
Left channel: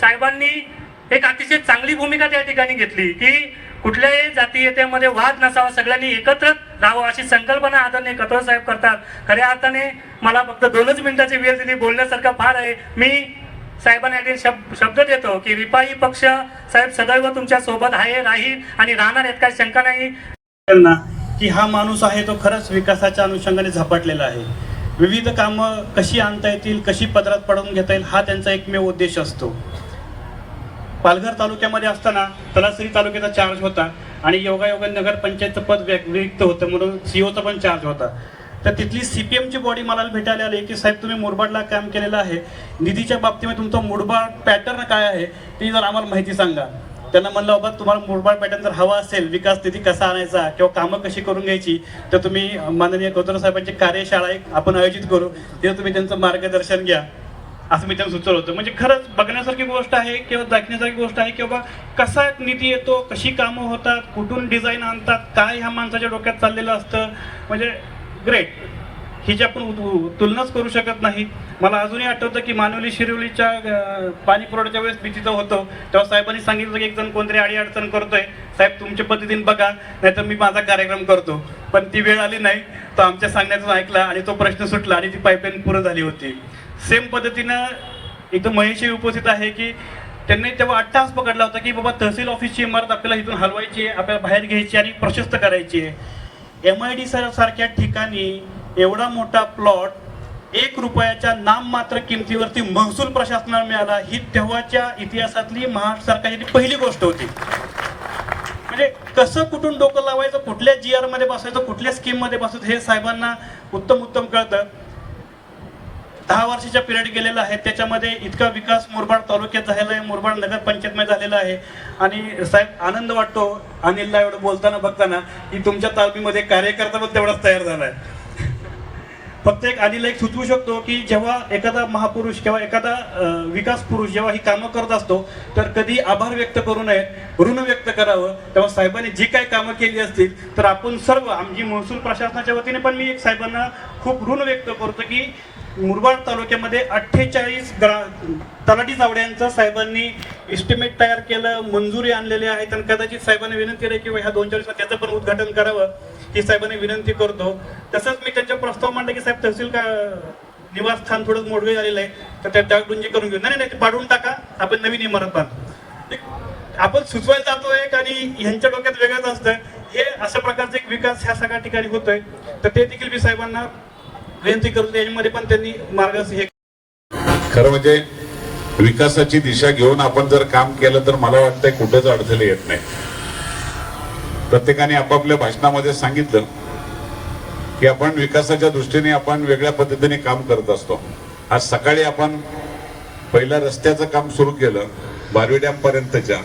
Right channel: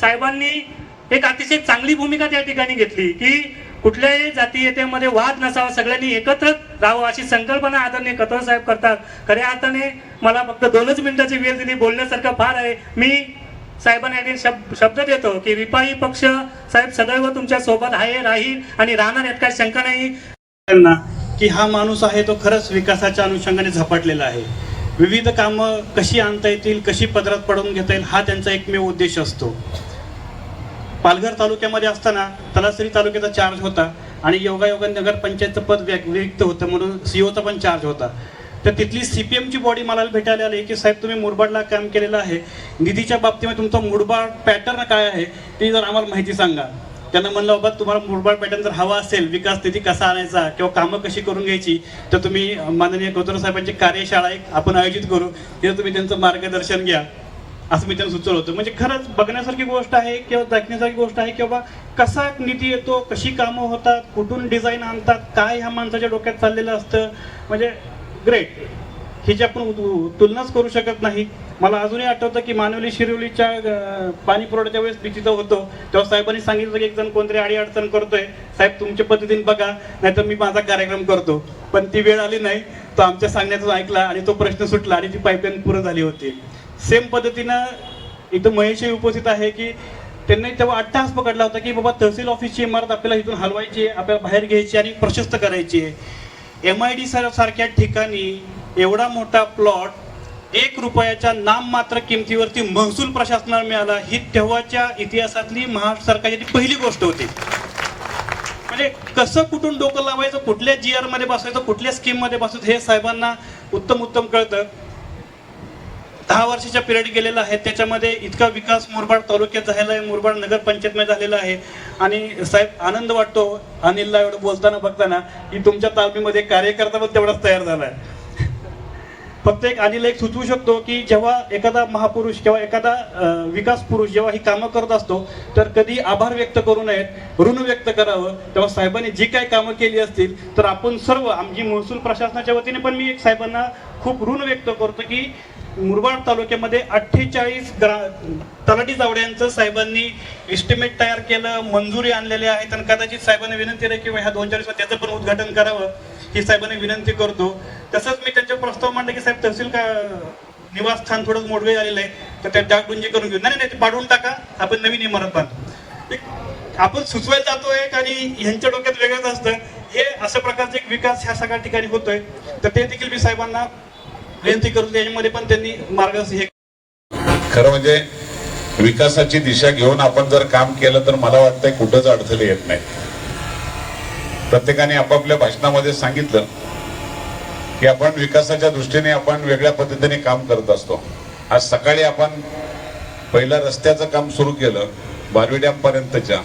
साहेबांनी एक अतिशय चांगली भूमिका त्या ठिकाणी घेतली की कुठल्याही जातीयतेमध्ये वाद नसावा, सगळ्यांनी एकत्र राहावं अशी संकल्पना आदरणीय कथोर साहेब करतात. खऱ्या अर्थाने मला फक्त 2च मिनिटाची वेळ दिली, बोलण्यासारखं फार आहे. मी साहेबांना शब्द देतो की रिपाई पक्ष साहेब सदैव तुमच्या सोबत आहे, राहील आणि राहणार यात काही शंका नाही. की हा माणूस आहे तो खरंच विकासाच्या अनुषंगाने झपाटलेला आहे. विविध कामं कशी आणता येतील, कशी पदरात पडवून घेता येईल हा त्यांचा एकमेव उद्देश असतो. पालघर तालुक्यामध्ये असताना तलासरी तालुक्याचा चार्ज होता आणि योगायोगा नगरपंचायतचं पद रिक्त होतं म्हणून सीओचा पण चार्ज होता. तर तिथली CPMची बॉडी मला भेटायला आली की साहेब तुम्ही मुरबाडला काम केलेलं आहे, निधीच्या बाबतीमध्ये तुमचा मुरबाड पॅटर्न काय आहे ते जर आम्हाला माहिती सांगा. त्यांना म्हणलं बाबा तुम्हाला मुरबाड पॅटर्न जर हवा असेल, विकास निधी कसा आणायचा किंवा कामं कशी करून घ्यायची तर तुम्ही माननीय गौतम साहेबांची कार्यशाळा आपण आयोजित करू, तिथे तुम्ही त्यांचं मार्गदर्शन घ्या असं मी त्यांना सुचवलं होतं. म्हणजे खरंच बघण्यासारखी गोष्ट आहे किंवा दाखवण्यासारखी गोष्ट आहे की बाबा कसा निधी येतो, कशी कामं होतात, कुठून डिझाईन आणतात, काय ह्या माणसाच्या डोक्यात चाललेलं असतं. म्हणजे ग्रेट. हिची आपण तुलनाच करू शकत नाही. मला अजूनही आठवतं की मानवली शिरवलीच्या पाणी पुरवठ्याच्या वेळेस मी तिथं होतो, तेव्हा साहेबांनी सांगितलं की एक जण कोणतरी अडचण करतोय, साहेब तुमच्या पद्धतीने बघा, नाहीतर मी माझा कार्यक्रम करतो. पण ती वेळ आली नाही, तो आमच्या सांगण्यातून ऐकला आणि तो प्रश्न सुटला आणि ती पाईपलाईन पूर्ण झाली होती. सेम पद्धतीनं इथं महेशही उपस्थित आहे की त्यांनी तेव्हा अट्टहास पकडला होता की बाबा तहसील ऑफिसची इमारत आपल्याला इथून हलवायची आहे, आपल्याला बाहेर घ्यायची आणि प्रशस्त करायची आहे. MID सारख्या ठिकाणी एवढा मोठा प्लॉट 1 रुपयाच्या नाममात्र किमतीवरती महसूल प्रशासनाला मिळाला, ही तेव्हाच्या इतिहासातली महाराष्ट्र सरकारची पहिली गोष्ट होती. म्हणजे कसं कुठून डोकं लावायचं, कुठल्या GR मध्ये बसवायचं, कुठल्या स्कीम मध्ये बसवायचं हे साहेबांना उत्तम कळतं. 10 वर्षाच्या पिरियड गेलेला आहे, त्याच्यामध्ये इतका विकास मुरबाड तालुक्यात झालेला आहे, मुरबाड नगरपंचायतमध्ये झालेला आहे. आणि साहेब आनंद वाटतो अनिलला एवढं बोलताना बघताना की तुमच्या तालमीमध्ये कार्यकर्ता पण तेवढाच तयार झालाय. फक्त अनिल एक सुचवू शकतो की जेव्हा एखादा महापुरुष किंवा एखादा विकास पुरुष जेव्हा ही कामं करत असतो तर कधी आभार व्यक्त करू नयेत, ऋण व्यक्त करावं. तेव्हा साहेबांनी जी काही कामं केली असतील तर आपण सर्व आमची महसूल प्रशासनाच्या वतीने पण मी एक साहेबांना खूप ऋण व्यक्त करतो की मुरबाड तालुक्यामध्ये 48 तलाठी जावड्यांचं साहेबांनी एस्टिमेट तयार केलं, मंजुरी आणलेली आहे. आणि कदाचित साहेबांनी विनंती आहे की ह्या 2-4 दिवसात त्याचं पण उद्घाटन करावं ही साहेबांनी विनंती करतो. तसंच मी त्यांच्या प्रस्ताव मांडला की साहेब तहसील का निवासस्थान थोडं मोडवे झालेलं आहे तर त्या डागडुंजी करून घेऊ. नाही ते पाडून टाका, आपण नवीन इमारत बांधू. आपण सुचवायला जातोय आणि ह्यांच्या डोक्यात वेगळंच असतं. हे अशा प्रकारचा एक विकास ह्या सगळ्या ठिकाणी होतोय, तर ते देखील मी साहेबांना विनंती करतो. यामध्ये पण त्यांनी मार्गदर्शन खरं म्हणजे विकासाची दिशा घेऊन आपण जर काम केलं तर मला वाटतंय कुठंच अडचणी येत नाही. प्रत्येकाने आपापल्या भाषणामध्ये सांगितलं की आपण विकासाच्या दृष्टीने आपण वेगळ्या पद्धतीने काम करत असतो. आज सकाळी आपण पहिल्या रस्त्याचं काम सुरू केलं बारवी डॅम पर्यंतच्या,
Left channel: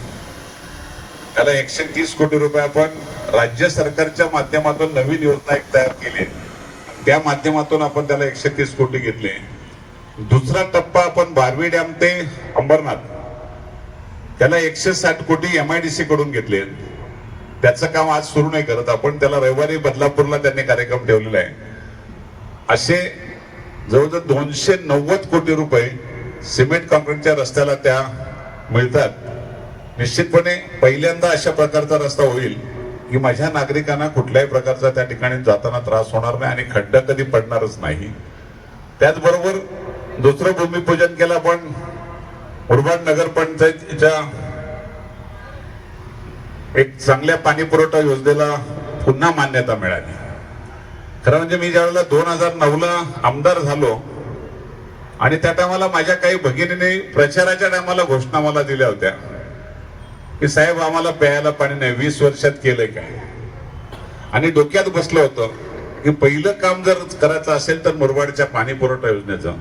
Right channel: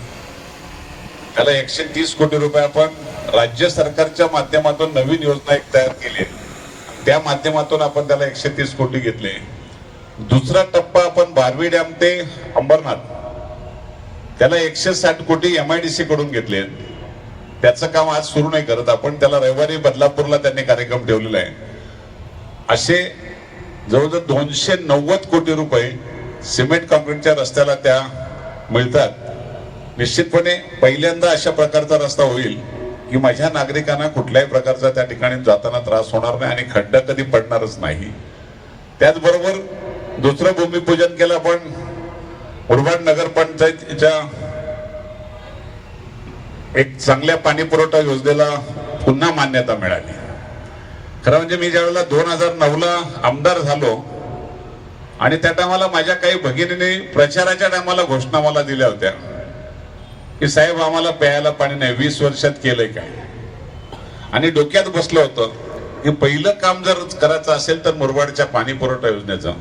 त्याला 130 कोटी रुपये आपण राज्य सरकारच्या माध्यमातून नवीन योजना एक तयार केली, त्या माध्यमातून आपण त्याला 130 कोटी घेतले. दुसरा टप्पा आपण बारवी डॅम ते अंबरनाथ त्याला 160 कोटी MIDC कडून घेतले. त्याचं काम आज सुरू नाही करत आपण, त्याला रविवारी बदलापूरला त्यांनी कार्यक्रम ठेवलेला आहे. असे जवळजवळ 290 कोटी रुपये सिमेंट कॉन्क्रीटच्या रस्त्याला त्या मिळतात. निश्चितपणे पहिल्यांदा अशा प्रकारचा रस्ता होईल की माझ्या नागरिकांना कुठल्याही प्रकारचा त्या ठिकाणी जाताना त्रास होणार नाही आणि खड्ड कधी पडणारच नाही. त्याचबरोबर दुसरं भूमिपूजन केलं आपण मुरबाड नगरपंचायतीच्या एक चांगल्या पाणी पुरवठा योजनेला पुन्हा मान्यता मिळाली. खरं म्हणजे मी ज्यावेळेला 2009ला आमदार झालो आणि त्या टायमाला माझ्या काही भगिनीने प्रचाराच्या टायमाला घोषणा मला दिल्या होत्या की साहेब आम्हाला प्यायला पाणी नाही, 20 वर्षात केलंय काय. आणि डोक्यात बसलं होतं की पहिलं काम जर करायचं असेल तर मुरबाडच्या पाणी पुरवठा योजनेचं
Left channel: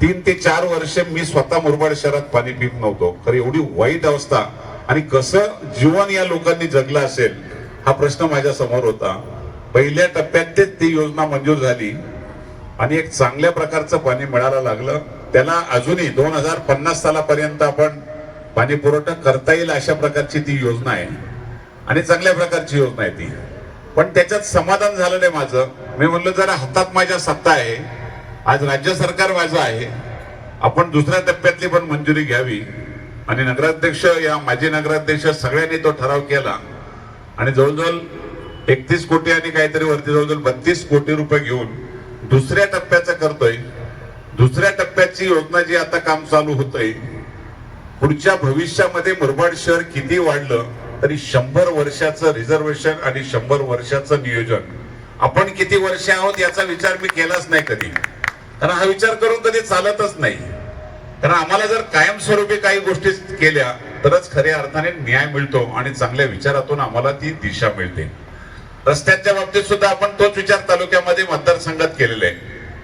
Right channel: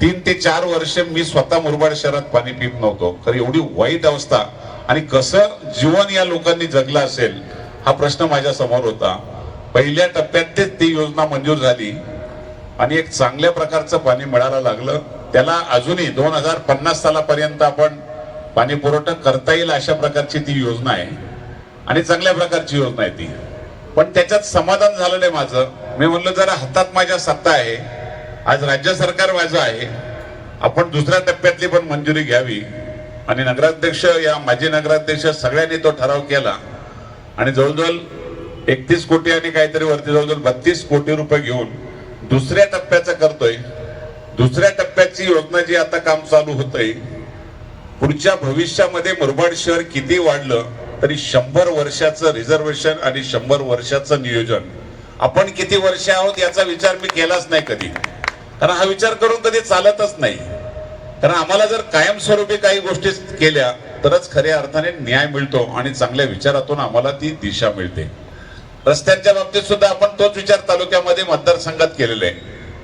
3 ते 4 वर्ष मी स्वतः मुरबाड शहरात पाणी पित नव्हतो. खरं एवढी वाईट अवस्था आणि कसं जीवन या लोकांनी जगलं असेल हा प्रश्न माझ्या समोर होता. पहिल्या टप्प्यात ती योजना मंजूर झाली आणि एक चांगल्या प्रकारचं पाणी मिळायला लागलं. त्याला अजूनही 2050 सालापर्यंत आपण पाणी पुरवठा करता येईल अशा प्रकारची ती योजना आहे आणि चांगल्या प्रकारची योजना आहे ती. पण त्याच्यात समाधान झालं नाही माझं. मी म्हणलं जरा हातात माझ्या सत्ता आहे, आज राज्य सरकार माझं आहे, आपण दुसऱ्या टप्प्यातली पण मंजुरी घ्यावी. आणि नगराध्यक्ष या माजी नगराध्यक्ष सगळ्यांनी तो ठराव केला आणि जवळजवळ 31 कोटी आणि काहीतरी वरती जवळजवळ 32 कोटी रुपये घेऊन दुसऱ्या टप्प्याचं करतोय. दुसऱ्या टप्प्याची योजना जी आता काम चालू होतंय, पुढच्या भविष्यामध्ये मुरबाड शहर किती वाढलं तरी 100 वर्षाचं रिझर्वेशन आणि 100 वर्षाचं नियोजन आपण किती वर्ष आहोत याचा विचार मी केलाच नाही कधी. कारण हा विचार करून कधी चालतच नाही. कारण आम्हाला जर कायमस्वरूपी काही गोष्टी केल्या तरच खऱ्या अर्थाने न्याय मिळतो आणि चांगल्या विचारातून आम्हाला ती दिशा मिळते. रस्त्यांच्या बाबतीत सुद्धा आपण तोच विचार तालुक्यामध्ये मतदारसंघात केलेला आहे.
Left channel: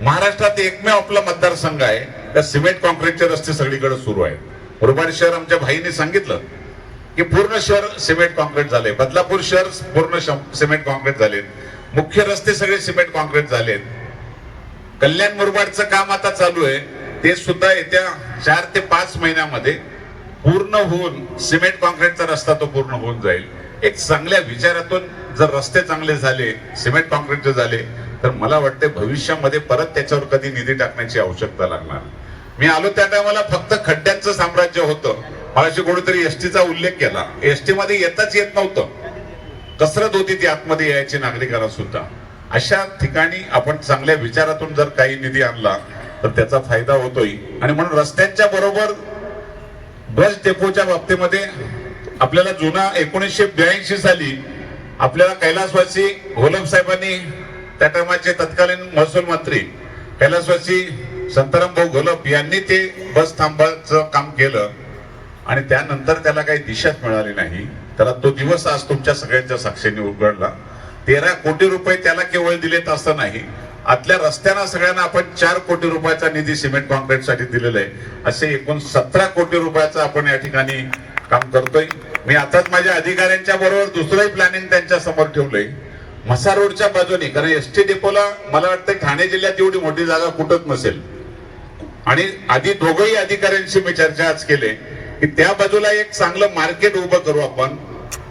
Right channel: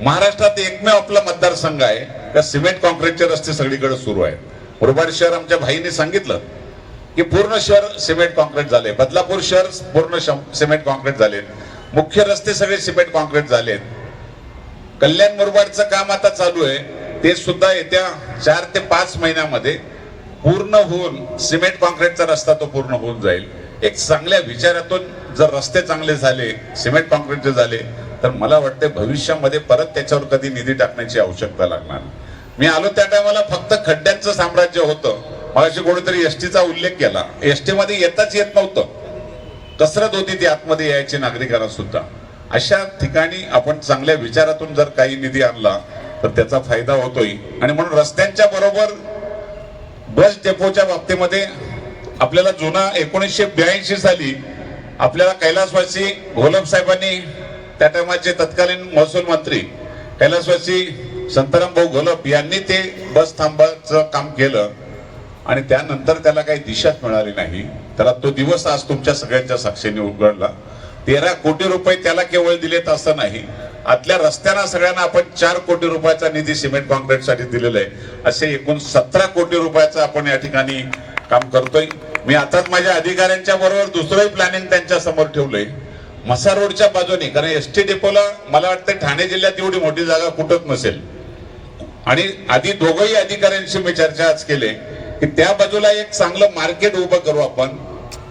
महाराष्ट्रात एकमेव आपला मतदारसंघ आहे का सिमेंट कॉन्क्रीटचे रस्ते सगळीकडे सुरू आहे. मुरबाड शहर आमच्या भाईने सांगितलं की पूर्ण शहर सिमेंट कॉन्क्रीट झाले, बदलापूर शहर पूर्ण सिमेंट कॉन्क्रीट झाले, मुख्य रस्ते सगळे सिमेंट कॉन्क्रीट झाले. कल्याण मुरबाडचं काम आता चालू आहे, ते सुद्धा येत्या 4 ते 5 महिन्यामध्ये पूर्ण होऊन सिमेंट कॉन्क्रीटचा रस्ता तो पूर्ण होऊन जाईल. एक चांगल्या विचारातून जर रस्ते चांगले झाले, सिमेंट कॉन्क्रीटचे झाले तर मला वाटतं भविष्यामध्ये परत त्याच्यावर कधी निधी टाकण्याची आवश्यकता लागणार. मी आलो त्या टायमाला फक्त खड्ड्यांचं साम्राज्य होतं. मगाशी कोणीतरी एसटीचा उल्लेख केला. एसटी मध्ये येताच येत नव्हतं, कसरत होती ती आतमध्ये यायची नागरिकांना सुद्धा. अशा ठिकाणी आपण चांगल्या विचारातून जर काही निधी आणला तर त्याचा फायदा होतोय. आणि म्हणून रस्त्यांच्या बरोबर बस डेपोच्या बाबतीमध्ये आपल्याला जुना 1982 साली आपल्याला कैलासवासी घोलप साहेबांनी, त्या टायमाचे तत्कालीन महसूल मंत्री कैलासवासी संताराम भाऊ घोलप यांनी ते बस थांबाचं काम केलं आणि त्यानंतर त्याला काही दिशाच मिळाली नाही. त्याला तो दिवस आज तुमच्या सगळ्यांच्या साक्षीने उघडला. 13 कोटी रुपये त्याला केवळ दिलेत असं नाही, आतल्या रस्त्यांना सगळ्यांना आपण 4 कोटी रुपयाचा निधी सिमेंट कॉन्क्रीटसाठी दिलेला आहे. असे एकूण 17 कोटी रुपयाचं आपण या ठिकाणी काम करतोय. मी आताच माझ्या अधिकाऱ्यांच्या बरोबर दुसरंही प्लॅनिंग त्यांच्या समोर ठेवलंय म्हसा रोडच्या बाजूने, कारण एसटी डेपोला मला वाटतं ठाणे जिल्ह्यात एवढी मोठी जागा कुठंच नसेल. आणि आधी दोघंही अधिकाऱ्यांशी मी चर्चा आज केली की त्या बाजूला एक चांगलं मार्केट उभं करू आपण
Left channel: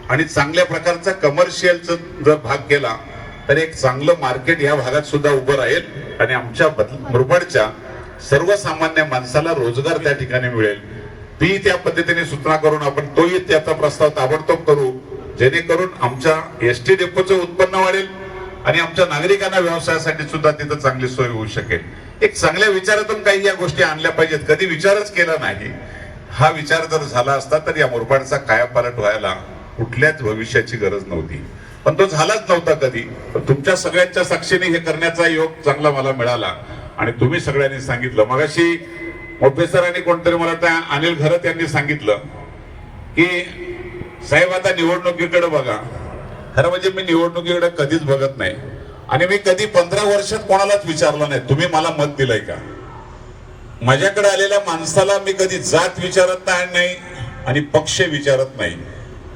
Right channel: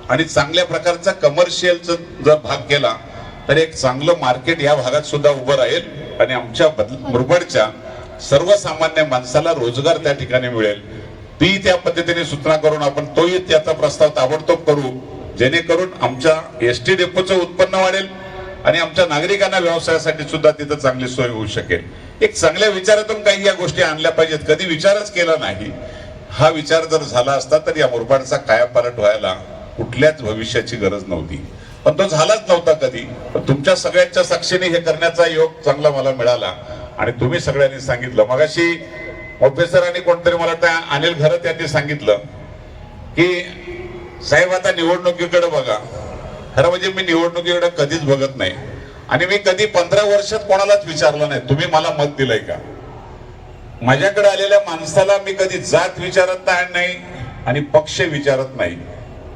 आणि चांगल्या प्रकारचा कमर्शियलचा जर भाग केला तर एक चांगलं मार्केट या भागात सुद्धा उभं राहील आणि आमच्या मुरबाडच्या सर्वसामान्य माणसाला रोजगार त्या ठिकाणी मिळेल. ती त्या पद्धतीने सूचना करून आपण तोही त्याचा प्रस्ताव ताबडतोब करू, जेणेकरून आमच्या एसटी डेपोचं उत्पन्न वाढेल आणि आमच्या नागरिकांना व्यवसायासाठी सुद्धा तिथं चांगली सोय होऊ शकेल. एक चांगल्या विचारातून काही या गोष्टी आणल्या पाहिजेत. कधी विचारच केला नाही. हा विचार जर झाला असता तर या मुरबाडचा कायापालट व्हायला कुठल्याच भविष्याची गरज नव्हती, पण तो झालाच नव्हता कधी. पण तुमच्या सगळ्यांच्या साक्षीने हे करण्याचा योग चांगला मला मिळाला आणि तुम्ही सगळ्यांनी सांगितलं. मगाशी प्रोफेसर आणि कोणतरी मला त्या अनिल घरत यांनी सांगितलं की साहेब आता निवडणुकीकडे बघा. खरं म्हणजे मी निवडणुकीकडे कधीच बघत नाही आणि मी कधी 15 वर्षात कोणालाच विचारलं नाही तुम्ही मला मत दिलंय का. माझ्याकडे आलेल्या माणसाला मी कधी जात विचारत नाही आणि पक्ष विचारत नाही,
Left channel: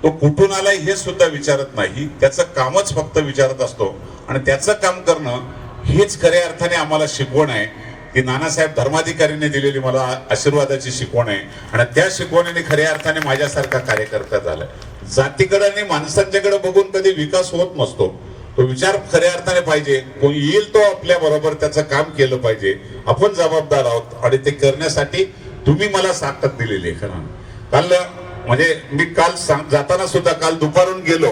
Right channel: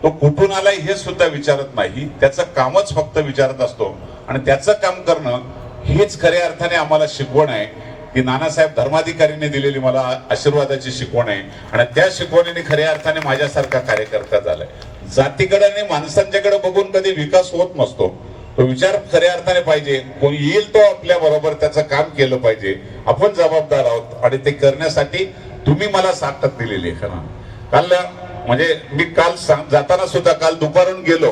तो कुठून आलाय हे सुद्धा विचारत नाही. त्याचं कामच फक्त विचारत असतो आणि त्याचं काम करणं हेच खऱ्या अर्थाने आम्हाला शिकवण आहे. ती नानासाहेब धर्माधिकारीने दिलेली मला आशीर्वादाची शिकवण आहे आणि त्या शिकवणीने खऱ्या अर्थाने माझ्यासारखा कार्यकर्ता झालाय. जातीकडे आणि माणसांच्याकडे बघून कधी विकास होत नसतो. तो विचार खऱ्या अर्थाने पाहिजे. कोणी येईल तो आपल्या बरोबर त्याचं काम केलं पाहिजे. आपण जबाबदार आहोत आणि ते करण्यासाठी तुम्ही मला ताकद दिलेली आहे. खरं काल म्हणजे मी काल जाताना सुद्धा काल दुपारून गेलो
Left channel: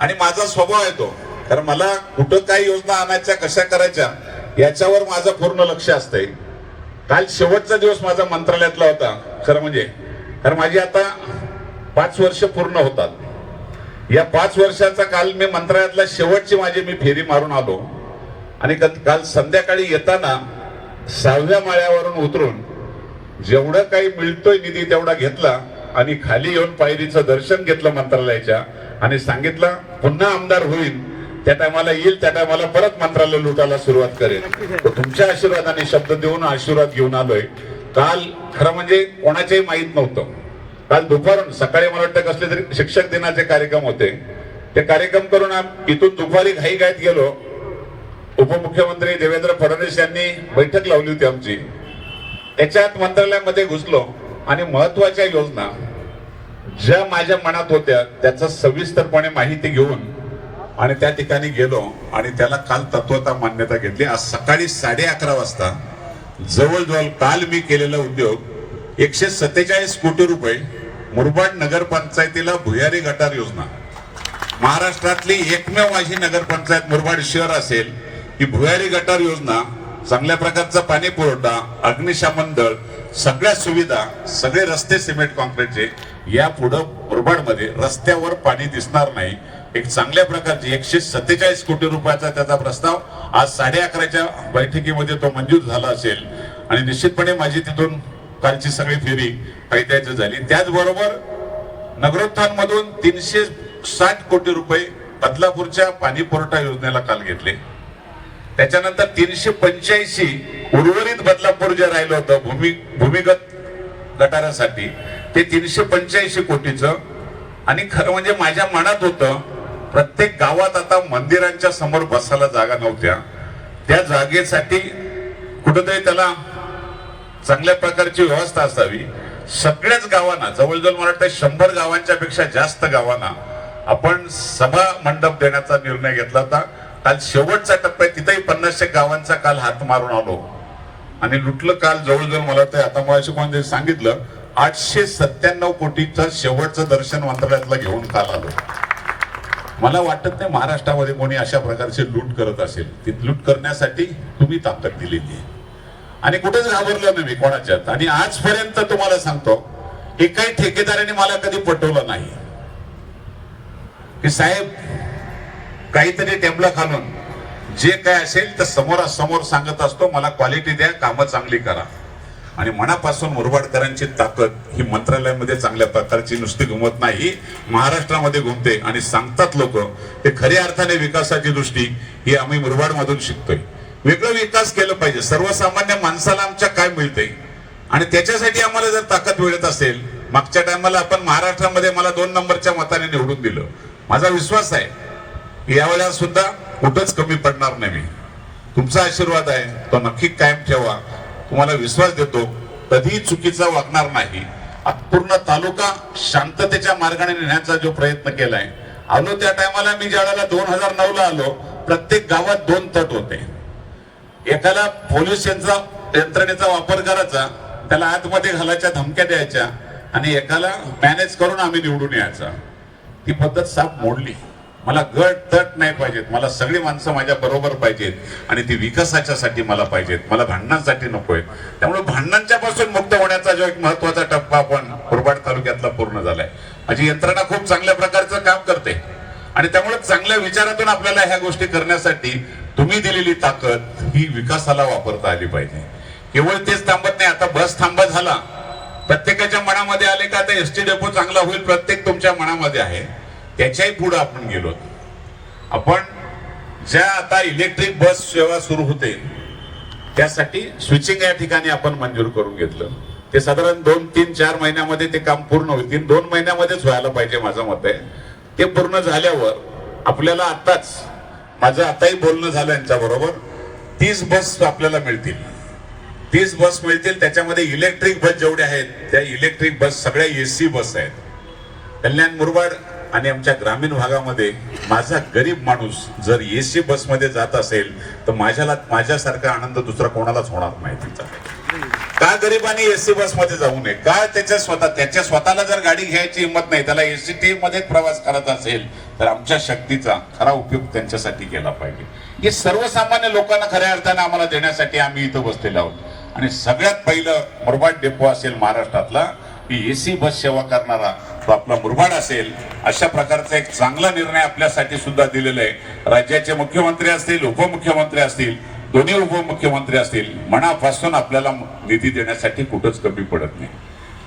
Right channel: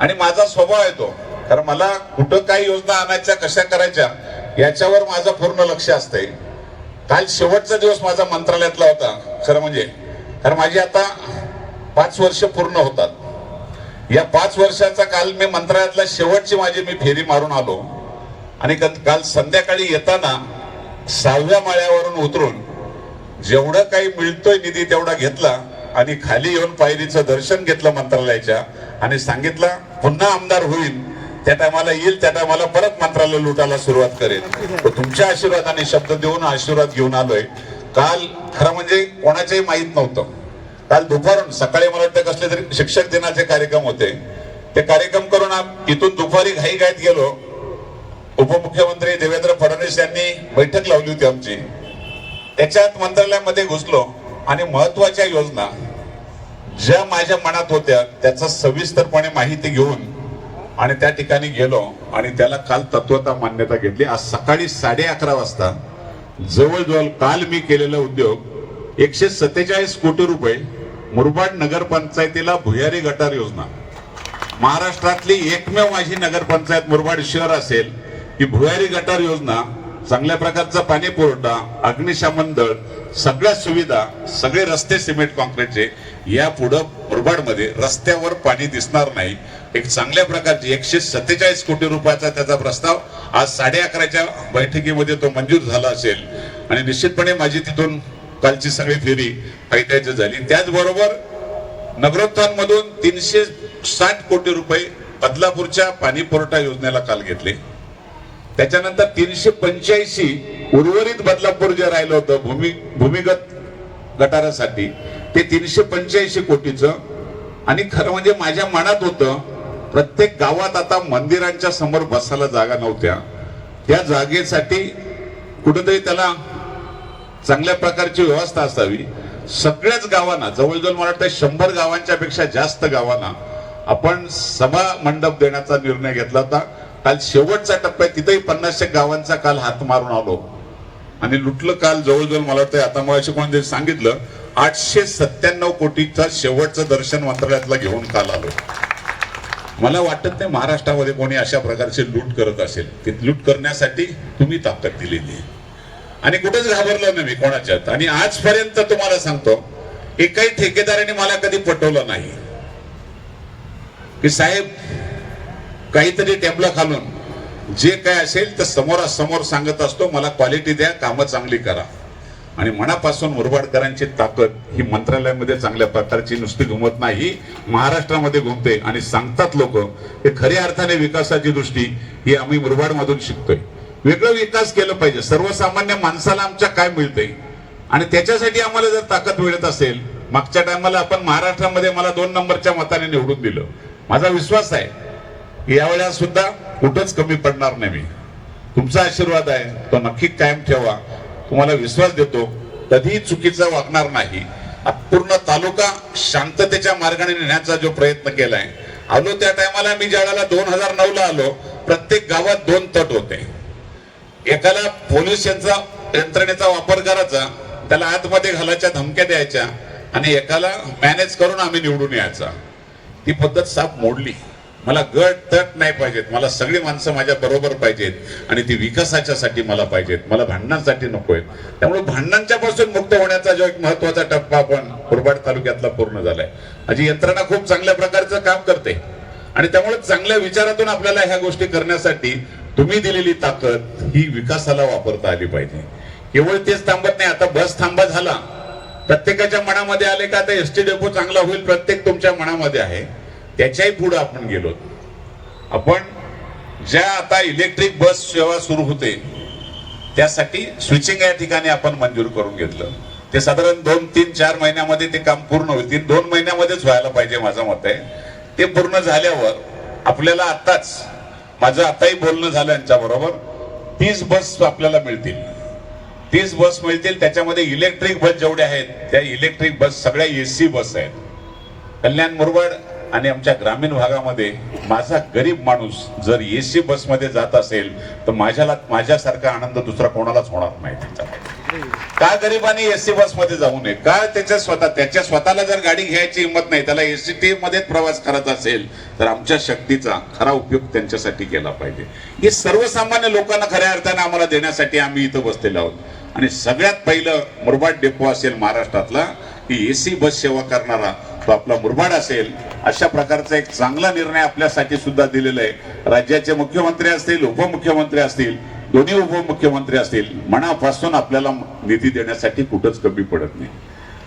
आणि माझा स्वभाव आहे तो, कारण मला कुठं काय योजना आणायच्या कशा करायच्या याच्यावर माझं पूर्ण लक्ष असतंय. काल शेवटचा दिवस माझा मंत्रालयातला होता खरं म्हणजे, कारण माझी आता 5 वर्ष पूर्ण होतात. या 5 वर्षाचा काल मी मंत्रालयातला शेवटची माझी मी फेरी मारून आलो आणि काल संध्याकाळी येताना 6व्या माळ्यावरून उतरून जेवढं काही मिळतोय निधी तेवढा घेतला आणि खाली येऊन पायरीचं दर्शन घेतलं मंत्रालयाच्या आणि सांगितलं पुन्हा आमदार होईल त्या टायमाला येईल, त्या टायमाला परत मंत्रालय लुटायला सुरुवात करेल. तुमच्या आशीर्वादाने शब्द देऊन आशीर्वाद घेऊन आलोय. काल खरं म्हणजे कोणाचेही माहीत नव्हतं. काल दुपारून सकाळी मला वाटतं कसले तरी शिक्षक दिनाचे कार्यक्रम होते. ते कार्यक्रम करून इथून दुपारी घाईघाईत गेलो. उपमुख्यमंत्री देवेंद्र फडणवीस यांनी बैठक लावली होती आमची. त्याच्यात मंत्रालयामध्ये घुसलो आणि महत्वाच्या योजना ज्या माझ्या मनात होत्या त्याचा सविस्तरपणे माहिती घेऊन आणि त्या ठिकाणी गेलो आणि त्याला काल तत्वता मान्यता घेतली. आज सकाळी 11:30 वाजता जवळजवळ काल मी केलेला उद्योग 147 कोटी रुपये मुरबाड नगरपंचायतीला भुयारी गटार योजना, महाराष्ट्रातली एकमेव माझी नगरपंचायत मुरबाड शहर असेल ही भुयारी गटार योजना, चांगल्या प्रकारचा पाणी पुरवठा, अग्निशमन दल, सगळ्या सुविधा, सगळे रस्ते सिमेंट कॉन्क्रीटचे. या पुढं मुरबाडमध्ये रस्त्यावर पाणी दिसणार नाही. एक चांगल्या प्रकारची 147 कोटी रुपयाचा त्याचा प्रस्ताव आज 11:30च्या बैठकीमध्ये तो मंजूर झाला असेल आणि निश्चितपणे माझी तिथून कालची सगळी फेरी फायद्याची झाली. त्याचबरोबर नगरोत्थान मधून 360 कोटी रुपये बदलापूरच्या पाणी पुरवठा योजनेला काल घेतले. त्याच्यानंतर 385 उर्वरित बदलापूर जे राहिलं होतं भूमिगत गटारासाठी ते 385 कोटीचं. आणि खरं म्हणजे माझ्या मनात होतं प्रत्येक गावात आता मंदिरांच्या समोर बसायला जागा नव्हत्या, त्या जागेसाठी कुठेतरी त्याला चांगल्या प्रकारची व्यवस्था असावी. सगळ्याच गावांना जवळजवळ मला वाटतं 100 गावांच्या पेक्षा जास्त गावांना आपण सभा मंडप देण्याचा निर्णय घेतला होता काल शेवटचा टप्पा आहे, तिथेही 50 गावांचा काल हात मारून आलो आणि लुटलं काल जवळजवळ. मला ते आता मग कोणी सांगितलं 897 कोटीचं शेवटचं दर्शन मंत्रालयातला घेऊन काल आलो. मला वाटत नाही महाराष्ट्रामध्ये कोणी अशा प्रकारचे लूट करत असेल. ती लूट करण्यासाठी तुम्ही ताकद दिलेली आहे आणि कुठेच घाबरलं नाही मी कोणाच्यात. आणि आजपर्यंत तुम्हाला सांगतो, एकही ठेकेदाराने मला कधी पटवलं नाही की साहेब काहीतरी टेबला खालून जे काय असेल तर समोरासमोर सांगत असतो, मला क्वालिटी द्या, कामं चांगली करा. आणि मनापासून मुरबाडकरांची ताकद ही मंत्रालयामध्ये चांगल्या प्रकारची नुसती घुमत नाही, महाराष्ट्रामध्ये घुमते. आणि सांगतात लोक हे खऱ्या अर्थाने विकासाची दृष्टी ही आम्ही मुरबाडमधून शिकतोय. वेगळं विकास केलं पाहिजे, सर्वसामान्य माणसाला आमच्या काय मिळतंय आणि त्याच्यासाठी आम्हाला जर ताकद मिळत असेल. मागच्या टायमाला आपण महाराष्ट्रामध्ये मला 2 नंबरच्या मताने निवडून दिलं. माझा विश्वास आहे की यावेळेला सुद्धा कुठंच कमी पडणार नाही. मी तुमचा आशीर्वाद आहे तो नक्की कायम ठेवा. तुम्हाला विश्वास देतो कधीही चुकीचा वागणार नाही. पूर्ण तालुका शांततेच्या मार्गाने नेण्याचा जो प्रयत्न केलाय. आलो त्या टायमाला मी ज्यावेळेला 2009ला आलो, प्रत्येक गावात 2 तट होते. एकाला पोलीस यंत्रणेचा वापर करायचा, त्याला आतमध्ये घालायच्या धमक्या द्यायच्या आणि एकाला मॅनेज करून आम्ही निवडून यायचा. ती पद्धत साफ मोडली. मला गट तट नाही पाहिजेत, मला सगळी माणसं माझ्या बरोबर पाहिजेत आणि ती विकासाच्यासाठी मला पाहिजेत, मला भांडणांसाठी नकोय. त्यामुळे भांडणांच्या पासून मुक्त होण्याचा जो एक महत्वाचा टप्पा आपण मुरबाड तालुक्यातला पूर्ण झालाय. माझी यंत्रणा खूप चांगल्या प्रकारचं काम करते आणि त्यामुळे चांगल्या विचारातून आपल्याला ह्या गोष्टी करण्यासाठी तुम्ही दिलेली ताकद ही विकासाला वापरता आली पाहिजे. केवळ तेच थांबत नाही. आता बस थांबा झाला, प्रत्येकाच्या मनामध्ये आले का आता एसटी डेपो चांगला होईल, प्रत्येक तुमच्या मनामध्ये आहे. त्याच्याही पुढे आपण गेलो. आपण ज्या आता इलेक्ट्रिक बस सेवा सुरू होते त्यासाठी स्विचिंग या ठिकाणी आपण मंजूर करून घेतलं. ते साधारण 2, 3, 4 महिन्यामध्ये ते काम पूर्ण होईल. 2 महिन्यामध्येच व्हायला पाहिजे माझं मत आहे. ते पूर्ण झाल्यावर आपल्याला आताच माझं आताही बोलणं झालं यांच्याबरोबर 30 बस आपल्याला मिळतील. 30 बस मिळतील. त्याच्यामध्ये इलेक्ट्रिक बस जेवढ्या आहेत त्या इलेक्ट्रिक बस सगळ्या एसी बस आहेत. कल्याण मुरबाड आणि आमच्या ग्रामीण भागामध्ये माझा गरीब माणूस जर एसी बसमध्ये जात असेल तर माझ्यासारखा आनंद दुसरा कोणालाच होणार नाही. तिचा का गरिबांनी एसी बसमध्ये जाऊ नये? का त्याच्या स्वतःला जर गाडी घ्यायची हिंमत नाही, त्याला एसटी मध्ये प्रवास करायचा असेल तर आमच्या शक्तीचा खरा उपयोग त्यांच्यासाठी केला पाहिजे. हे सर्वसामान्य लोकांना खऱ्या अर्थाने आम्हाला देण्यासाठी आम्ही इथं बसलेलो आहोत. आणि सगळ्यात पहिलं मुरबाड डेपो असेल महाराष्ट्रातला की एसी बस सेवा करणारा तो आपला मुरबाड असेल. अशा प्रकारचा एक चांगला निर्णय आपल्यासाठी सुद्धा दिलेला आहे. राज्याचे मुख्यमंत्री असतील, उपमुख्यमंत्री असतील, दोन्ही उपमुख्यमंत्री असतील, मनापासून आपल्याला निधी देण्यासाठी कुठंच कमी पडत नाही.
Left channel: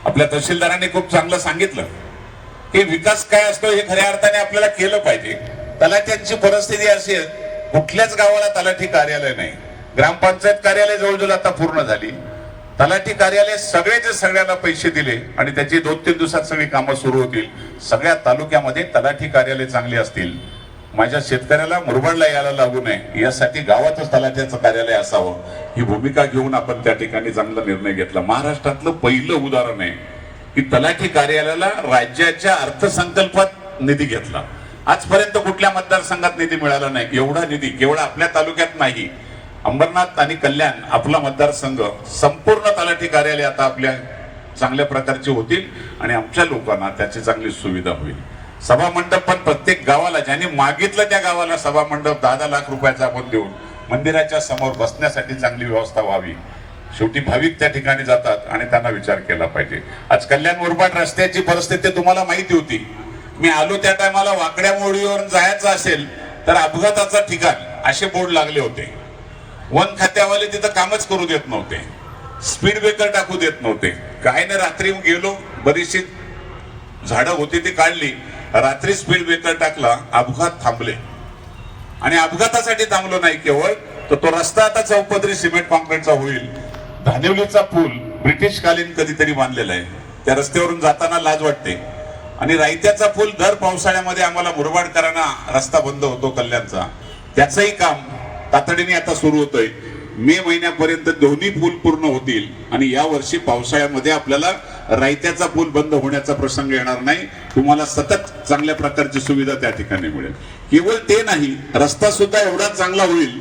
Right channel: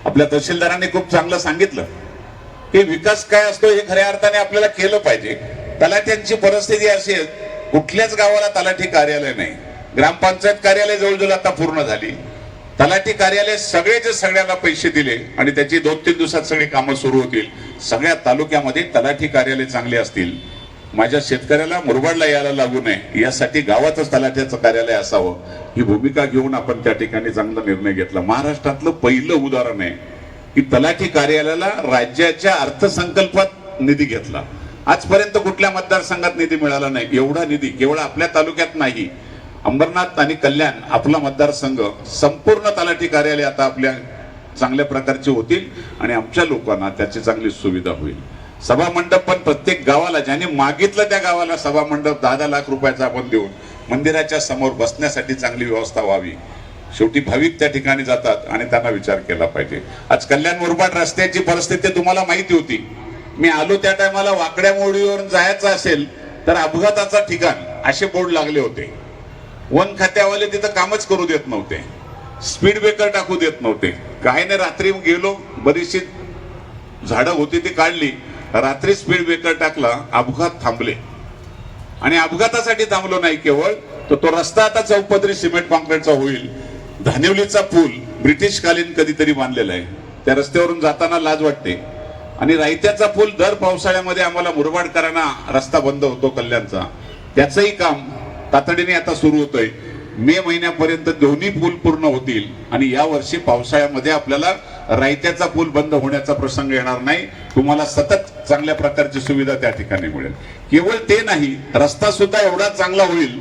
आपल्या तहसीलदारांनी खूप चांगलं सांगितलं की विकास काय असतो हे खऱ्या अर्थाने आपल्याला केलं पाहिजे. तलाठ्यांची परिस्थिती अशी आहे, कुठल्याच गावाला तलाठी कार्यालय नाही. ग्रामपंचायत कार्यालय जवळजवळ आता पूर्ण झाली. तलाठी कार्यालय सगळेचे सगळ्यांना पैसे दिले आणि त्याची 2-3 दिवसात सगळी कामं सुरू होतील. सगळ्या तालुक्यामध्ये तलाठी कार्यालय चांगले असतील. माझ्या शेतकऱ्याला मुरबाडला यायला लागू नये यासाठी गावातच तलाठ्याचं कार्यालय असावं ही भूमिका घेऊन आपण त्या ठिकाणी चांगला निर्णय घेतला. महाराष्ट्रातलं पहिलं उदाहरण आहे की तलाठी कार्यालयाला राज्याच्या अर्थसंकल्पात निधी घेतला. आजपर्यंत कुठल्या मतदारसंघात निधी मिळाला नाही. एवढा निधी केवळ आपल्या तालुक्यात नाही, अंबरनाथ आणि कल्याण आपला मतदारसंघ संपूर्ण तलाठी कार्यालय आता आपल्या चांगल्या प्रकारचे होतील आणि आमच्या लोकांना त्याची चांगली सुविधा होईल. सभा मंडप पण प्रत्येक गावाला ज्यांनी मागितलं त्या गावाला सभा मंडप 10 लाख रुपयाचा आपण देऊन मंदिराच्या समोर बसण्यासाठी चांगली व्यवस्था व्हावी. शेवटी भाविक त्या ठिकाणी जातात आणि त्यांना विचार केला पाहिजे. आज कल्याण मुरबाड रस्त्याची परिस्थिती तुम्हाला माहिती होती. मी आलो त्या टायमाला वाकड्या मोडीवरून जायचं असेल तर अपघाताचा ठिकाण असे बोर्ड लागले होते. वन खात्यावाले तिथं कामच करू देत नव्हते, स्पीड ब्रेकर टाकू देत नव्हते. काय ना रात्री गेलो, बरीचशी झाडं होती ती काढली, रात्री स्पीड ब्रेकर टाकला, अपघात थांबले. आणि अपघातासाठी थांबलो नाही केवळ तर तो रस्ता आता चौपदरी सिमेंट कॉन्क्रीटचा होईल. धानिवलीचा पूल ब्रिटिशकालीन कधीतरी बांधलेला आहे, त्या रस्त्यावरून जाताना लाज वाटते. आणि रायत्याचा पूल दर पावसाळ्यामध्ये आम्हाला मुरबाडकरांना रस्ता बंद होतो कल्याणचा, त्याचंही काम तातडीने आता सुरू होतोय. मे महिन्यापर्यंत दोन्ही पूल पूर्ण होतील आणि या वर्षी पावसाळ्यामध्ये आपल्याला रायत्याचा पूल बंद होण्याचा प्रसंग येणार नाही. तुम्हाला सतत चांगल्या प्रकारची सुविधा त्या ठिकाणी मिळेल. केवळ ते नाही, रस्ता सुद्धा एवढा चांगला होईल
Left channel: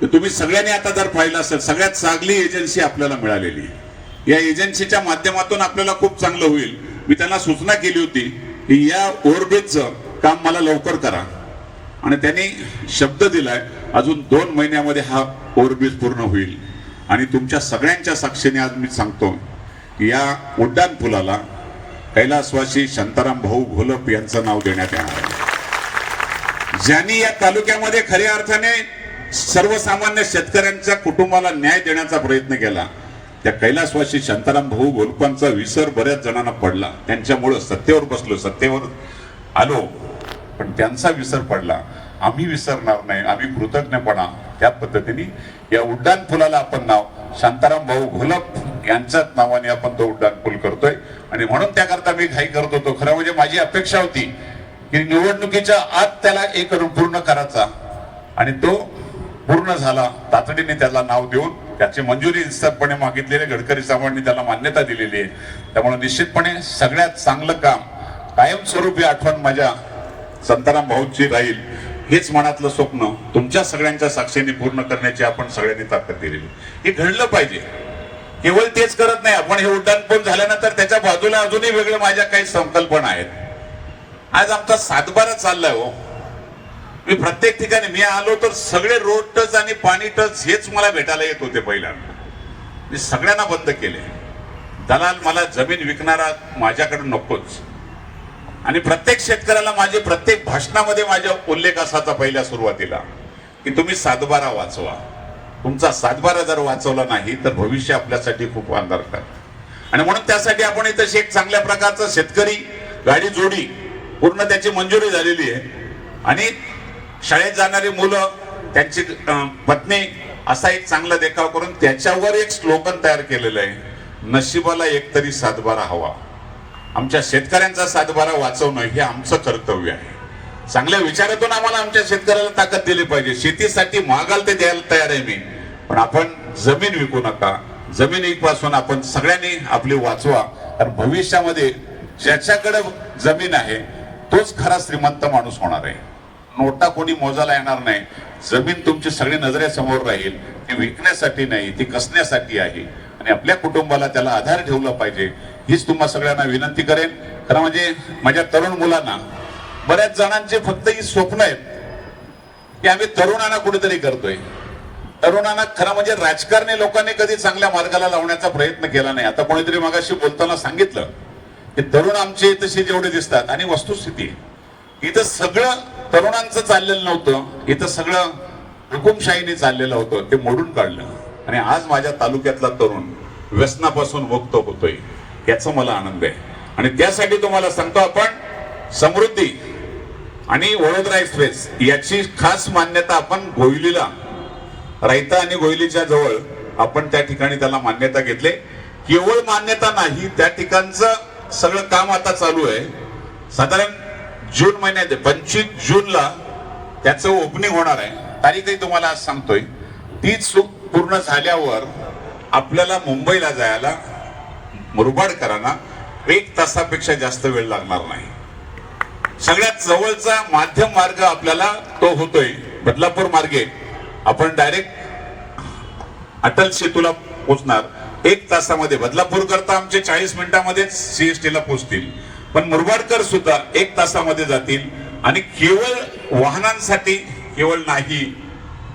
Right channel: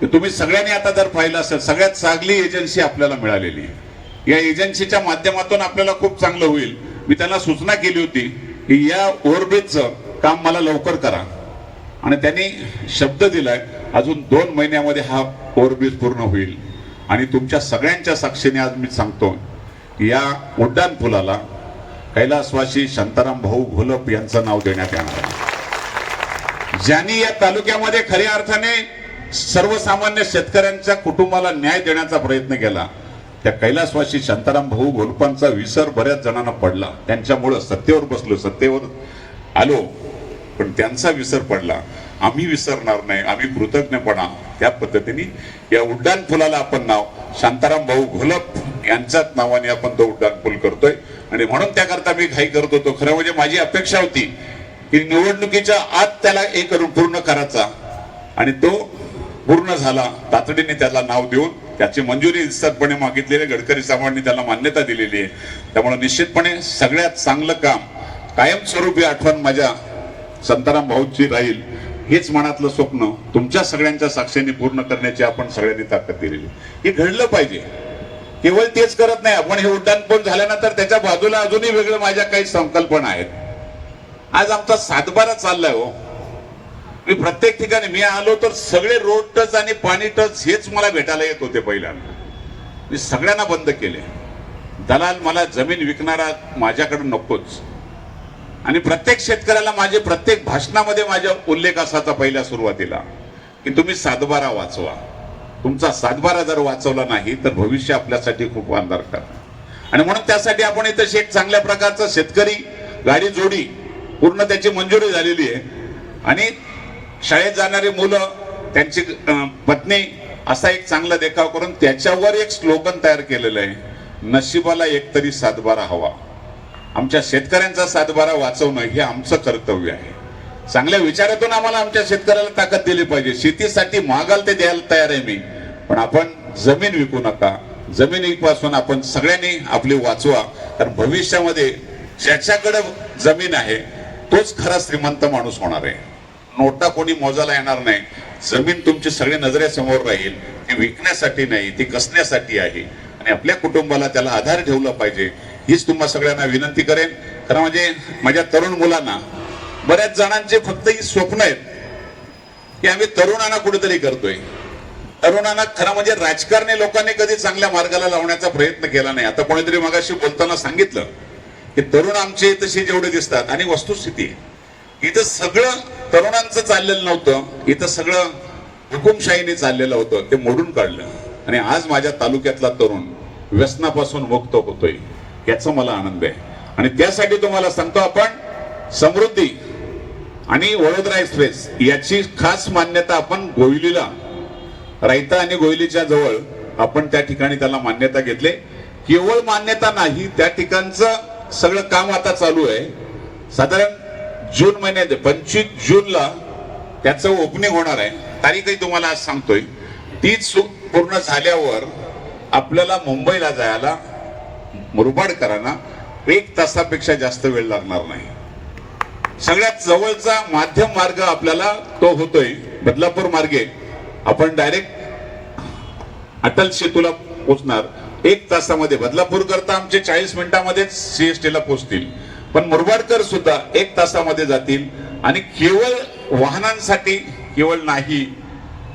की तुम्ही सगळ्यांनी आता जर पाहिलं असेल, सगळ्यात चांगली एजन्सी आपल्याला मिळालेली आहे. या एजन्सीच्या माध्यमातून आपल्याला खूप चांगलं होईल. मी त्यांना सूचना केली होती की या ओव्हरब्रिजचं काम मला लवकर करा आणि त्यांनी शब्द दिलाय अजून 2 महिन्यामध्ये हा ओव्हरब्रिज पूर्ण होईल. आणि तुमच्या सगळ्यांच्या साक्षीने आज मी सांगतो या उड्डाण पुलाला कैलासवासी शांताराम भाऊ घोलप यांचं नाव देण्यात येणार आहे. ज्यांनी या तालुक्यामध्ये खऱ्या अर्थाने सर्वसामान्य शेतकऱ्यांच्या कुटुंबाला न्याय देण्याचा प्रयत्न केला, त्या कैलासवासी शांताराम भाऊ घोलपांचा विसर बऱ्याच जणांना पडला. त्यांच्यामुळं सत्तेवर बसलो, सत्तेवर आलो, पण त्यांचा विसर पडला. आम्ही विसरणार नाही. आम्ही कृतज्ञपणा त्या पद्धतीने या उड्डाण पुलाला आपण नाव शांताराम भाऊ घोलप यांच्याच नावाने आपण तो उड्डाण पूल करतोय. आणि म्हणून त्याकरता मी घाई करत होतो. खरं म्हणजे माझी अपेक्षा होती की निवडणुकीच्या आत त्याला पूर्ण करायचा आणि तो पूर्ण झाला. तातडीने त्याला नाव देऊन त्याची मंजुरी निश्चितपणे मागितलेली, गडकरी साहेबांनी त्याला मान्यता दिलेली आहे. त्यामुळे निश्चितपणे सगळ्यात चांगलं काम, कायमस्वरूपी आठवण माझ्या शांताराम भाऊची राहील. हेच मनातलं स्वप्न तुमच्या सगळ्यांच्या साक्षीने पूर्ण करण्याची आपण सगळ्यांनी ताकद दिलेली. हे घडलं पाहिजे. केवळ तेच करत नाही आपण. हे उड्डाण पूल झाल्यानंतर त्याच्या बाजूला अजूनही वेगळ्या माझ्या काही संकल्पना आहेत. आज आमचा सातबारा चाललाय हो. मी प्रत्येक ठिकाणी मी आलो तर सगळे रोड टच आणि पाणी टच हेच मला भेटायला येत होते. पहिल्यांदा मी सगळ्यांना बंद केले. दलाल मला जमीन विकणारा माझ्याकडे नकोच. आणि प्रत्येक शेतकऱ्याला माझे प्रत्येक भाषणामध्ये माझा उल्लेख असायचा पहिल्या सुरुवातीला की तुम्ही सातबारा वाचवा. तुमचा सातबारा जर वाचवला नाही तर भविष्य आपल्यासाठी खूप अंधारकार. आणि म्हणून त्यासाठी आपण इथं एक चांगल्या प्रकारचा शेतकरी गाडी जोडी पूर्ण त्याची मंजुरी झालेली आहे. आणि शाळेत जाणारी मुलं, त्यांची पत्नी असा एक चांगला देखाव करून त्याच्यावर एक स्लोगन तयार केलेलं आहे, नशिबाला एकतरी सातबारा हवा. आमच्या शेतकऱ्यांचा सातबारा वाचवणं हे आमचं कर्तव्य आहे. चांगल्या विचारातून आम्हाला आमच्या शेतकऱ्याला ताकद दिली पाहिजे. शेतीसाठी मागाल ते द्यायला तयार आहे मी, पण आपण जमीन विकू नका. जमिनीपासून आपण सगळ्यांनी आपली वाचवा. कारण भविष्यामध्ये ज्याच्याकडे जमीन आहे तोच खरा श्रीमंत माणूस होणार आहे. नोटा कोणी मोजायला येणार नाही. जमीन तुमची सगळी नजरेसमोर राहील. ती विकण्यासाठी नाही, ती कसण्यासाठी आहे. आणि आपल्या कुटुंबाला त्याला आधार ठेवला पाहिजे. हीच तुम्हा सगळ्यांना विनंती करेन. खरं म्हणजे माझ्या तरुण मुलांना, बऱ्याच जणांचे फक्त ही स्वप्न आहेत की आम्ही तरुणांना कुठेतरी करतोय. तरुणांना खरं म्हणजे राजकारणी लोकांनी कधी चांगल्या मार्गाला लावण्याचा प्रयत्न केला नाही. आता कोणीतरी मगाशी बोलताना सांगितलं की तरुण आमचे इथं जेवढे दिसतात, आणि वस्तुस्थिती इथं सगळं तरुणांचं चाललेलं नव्हतं. इथं सगळं हुकुमशाहीने चाललेलं होतं. ते मोडून काढलं आणि आज माझ्या तालुक्यातला तरुण व्यसनापासून मुक्त होतोय. याचा मला आनंद आहे. आणि त्यासाठी तुम्हाला सांगतो, आपण समृद्धी आणि वडोदरा एक्सप्रेस याची खास मान्यता आपण गोयलीला, रायता आणि गोयलीच्या जवळ आपण त्या ठिकाणी त्याला मान्यता घेतली. केवळ मान्यता नाही, त्या ठिकाणचं सगळं काम आता चालू आहे. साधारण जून महिन्यात 25 जूनला त्याचं ओपनिंग होणार आहे. तारीखही तुम्हाला आज सांगतोय. तीच पूर्ण झाल्यावर आपल्याला मुंबईला जायला मुरबाडकरांना 1 तासापेक्षा जास्त वेळ लागणार नाही. सगळ्यात जवळचा माध्यम मार्ग आपल्याला तो होतोय बदलापूर मार्गे. आपण डायरेक्ट अटल सेतूला पोहोचणार 1 तासामध्ये. बदलापूर करता आमचे 40 मिनिटांमध्ये CST ला पोहोचतील. पण मुरबाडकर सुद्धा 1 तासामध्ये जातील. आणि केवळ वाहनांसाठी केवळ नाही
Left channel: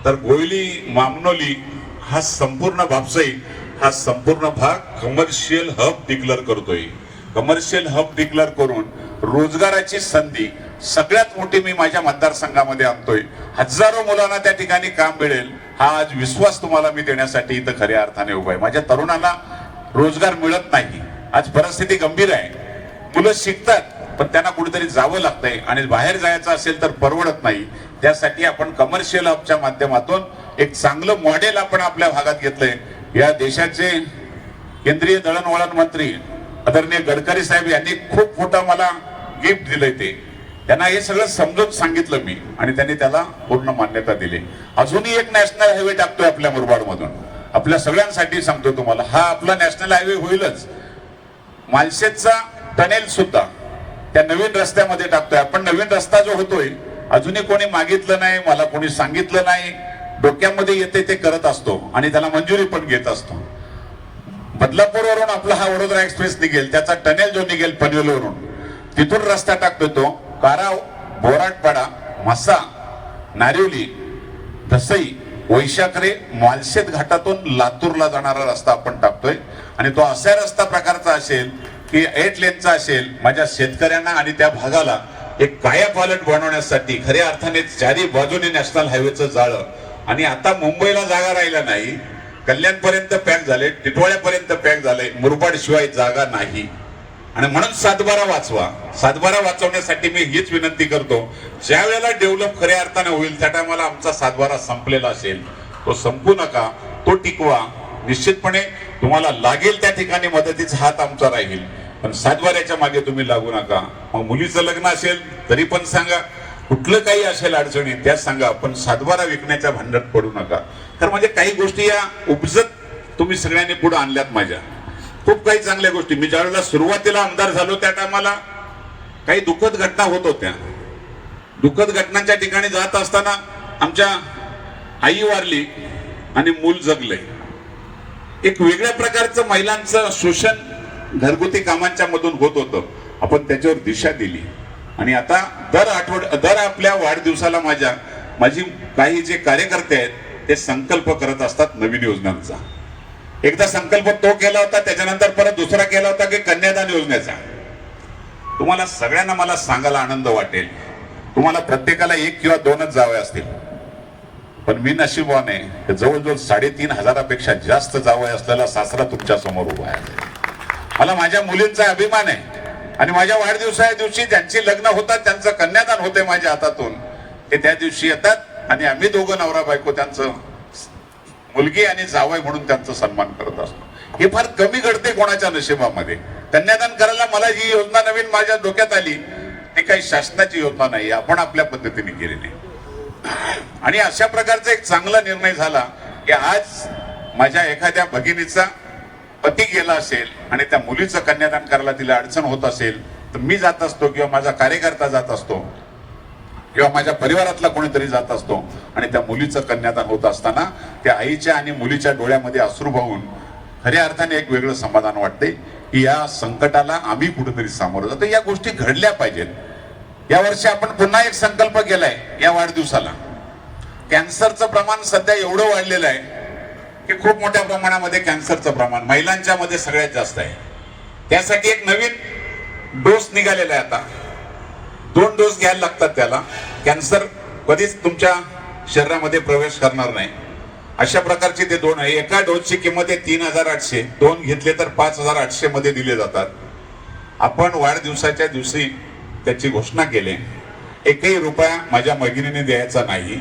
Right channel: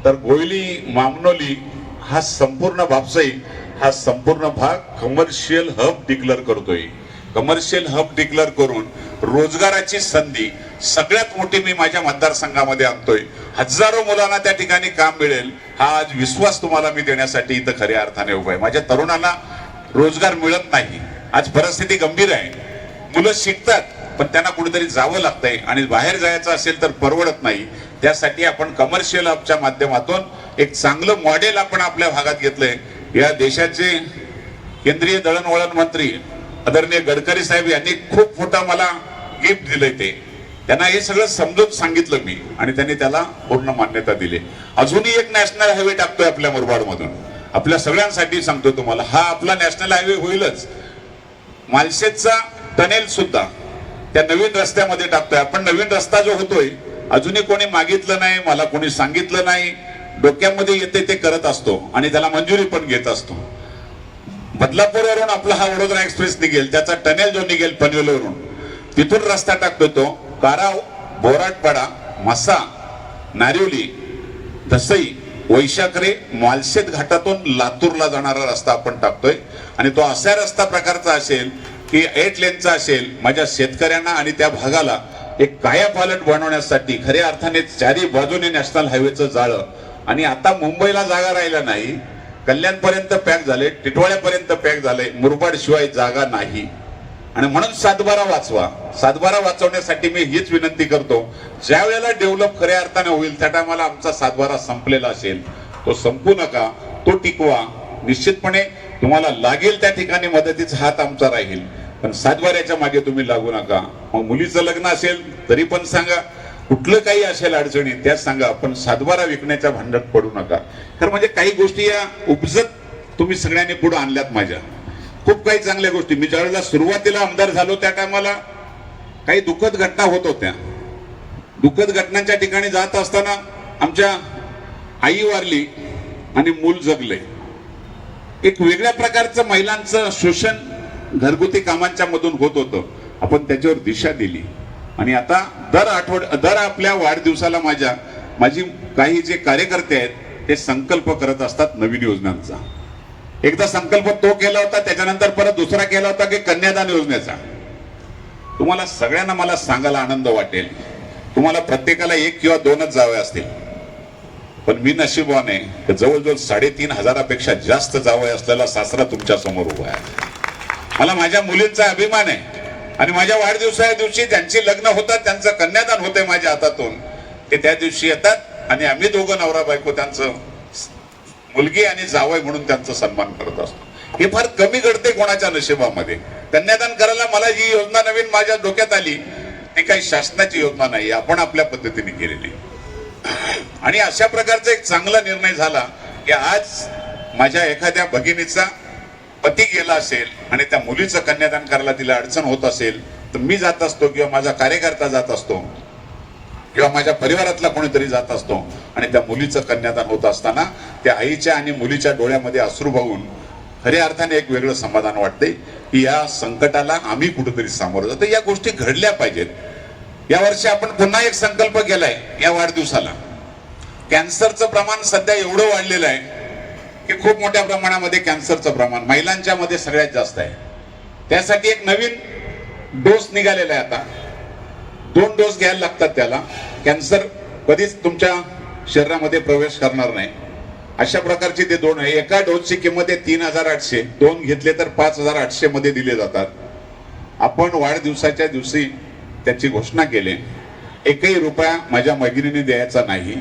तर गोयली, मामनोली हा संपूर्ण भापसाई हा संपूर्ण भाग कमर्शियल हब डिक्लेअर करतोय. कमर्शियल हब डिक्लेअर करून रोजगाराची संधी सगळ्यात मोठी मी माझ्या मतदारसंघामध्ये आणतोय. हजारो मुलांना त्या ठिकाणी काम मिळेल हा आज विश्वास तुम्हाला मी देण्यासाठी इथं खऱ्या अर्थाने उभा आहे. माझ्या तरुणांना रोजगार मिळत नाही. आज परिस्थिती गंभीर आहे. मुलं शिकतात पण त्यांना कुठेतरी जावं लागतंय आणि बाहेर जायचं असेल तर परवडत नाही. त्यासाठी आपण कमर्शियल हबच्या माध्यमातून एक चांगलं मॉडेल आपण आपल्या भागात घेतलंय. या देशाचे केंद्रीय दळणवळण मंत्री आदरणीय गडकरी साहेब यांनी खूप मोठं मला गिफ्ट दिलंय. त्यांना हे सगळं समजून सांगितलं मी आणि त्यांनी त्याला पूर्ण मान्यता दिली. अजूनही एक नॅशनल हायवे टाकतोय आपल्या मुरबाडमधून. आपल्या सगळ्यांसाठी सांगतो तुम्हाला, हा आपला नॅशनल हायवे होईलच. मालशेजचा टनेल सुद्धा त्या नवीन रस्त्यामध्ये टाकतोय आपण. नवीन रस्ता जो होतोय अजूनही कोणी मागितलं नाही, मला कोणी सांगितलं नाही, डोक्यामध्ये येते ते करत असतो आणि त्याला मंजुरी पण घेत असतो. बदलापूरवरून आपला हा वडोदरा एक्सप्रेस निघेल, त्याचा टनेल जो निघेल पनवेलवरून, तिथून रस्ता टाकतो तो बारा, बोराटपाडा, म्हसा, नारिवली, दसई, वैशाखरे, मालशेत घाटातून लातूरला जाणारा रस्ता आपण टाकतोय. आणि तो असा रस्ता प्रकारचा असेल की 8 लेनचा असेल. माझ्या शेतकऱ्यांना आणि त्या भागाला एक कायापालट बनवण्यासाठी खऱ्या अर्थाने चारी बाजूने नॅशनल हायवेचं जाळं. आणि आता मुंबईला जागा राहिला नाही, कल्याणपर्यंत पॅक झाले, टिटवाळ्यापर्यंत पॅक झाले, मुरबाड शिवाय जागा नाही. आणि म्हणून 7-12 वाचवा. 7-12 वाचवण्यासाठी मी हीच विनंती करतो, ज्या वेळेला डेव्हलप खऱ्या अर्थाने होईल त्या टायमाला आमचा 7-12 संपलेला असेल, तो संपू नका, तो टिकवा. निश्चितपणे तुम्हाला लागेल त्या ठिकाणी मदतीचा हात आमचा राहील, पण 7-12च्या मागे तुम्ही लागू नका. मग मुलीचं लग्न असेल तरी पण सांगा, कुठलं काही असेल अडचणी त्या सांगा, पण 7-12 विकण्याच्या भांडणात पडू नका. तर म्हणजे काही गोष्टी या उपजत तुम्ही सगळ्यांनी पुढे आणल्यात. माझ्या खूप काही चांगल्या गोष्टी. मी ज्यावेळेला सुरुवातीला आमदार झालो त्या टायमाला काही दुःखद घटना होत होत्या. दुःखद घटनांच्या ठिकाणी जात असताना आमच्या आई वारली आणि मूल जगले. एक वेगळ्या प्रकारचं महिलांचं शोषण घरगुती कामांच्या मधून होत होतं. आपण त्याच्यावर दिशा दिली आणि आता दर आपल्या वाढदिवसाला माझी काही जे कार्यकर्ते आहेत ते संकल्प करत असतात नवीन योजनांचा. एकदा संकल्प तो केला होता, त्याच्यानंतर परत दुसरा केला होता की कन्यादान योजनेचा. तुम्हाला सगळ्यांना मला सांगायला आनंद वाटेल, तुम्हाला प्रत्येकाला 1 किंवा 2च जावे असतील, पण मी नशीबवान आहे जवळजवळ 3,500पेक्षा जास्त जावई असलेला सासरा तुमच्या समोर उभा आहे. मला माझ्या मुलींचा अभिमान आहे आणि माझ्या वाढदिवसाच्या दिवशी ज्यांची लग्न होतात त्यांचं कन्यादान होते माझ्या हातातून, ते त्या दिवशी येतात आणि आम्ही दोघं नवरा बायको त्यांचं मुलगी आणि जावई म्हणून त्यांचा सन्मान करत असतो. हे फार कमी घडते कोणाच्या नशिबामध्ये. कन्यादान करायला मला जी योजना नवीन माझ्या डोक्यात आली ती काही शासनाची योजना नाही, आपण आपल्या पद्धतीने केलेली. आणि अशा प्रकारचा एक चांगला निर्णय झाला की आज माझ्या एखाद्या भगिनीचा पती गेला असेल आणि त्या मुलीचं कन्यादान करायला तिला अडचण होत असेल तर मी जात असतो किंवा माझा कार्यकर्ता जात असतो किंवा माझ्या परिवारातला कोणीतरी जात असतो आणि त्या मुलीचं कन्यादान होत असताना त्या आईच्या आणि मुलीच्या डोळ्यामध्ये अश्रू वाहून खऱ्या अर्थाने एक वेगळं समाधान वाटते की या संकटाला आम्ही कुठेतरी सामोरं जातो. या गोष्टी घडल्या पाहिजेत. या वर्षी आपण पुन्हा एक संकल्प केलाय या वाढदिवसाला. कॅन्सरचं प्रमाण सध्या एवढं वाढलेलं आहे की खूप मोठ्या प्रमाणामध्ये कॅन्सरचं प्रमाण महिलांच्या मध्ये सगळ्यात जास्त आहे. त्यासाठी एक नवीन डोस निघालेला आहे. आता 2 डोस घ्यायला लागतात त्याला. कॅन्सर कधीच तुमच्या शरीरामध्ये प्रवेश करणार नाही अशा प्रकारचे ते 2 आहे. एका डोसची किंमत आहे 3,800, 2 घेतले तर 5,800 मध्ये दिले जातात. आपण वाढदिवसाच्या दिवशी त्याची घोषणा केली, 1ही रुपया माझ्या भगिनीने द्यायचा नाही,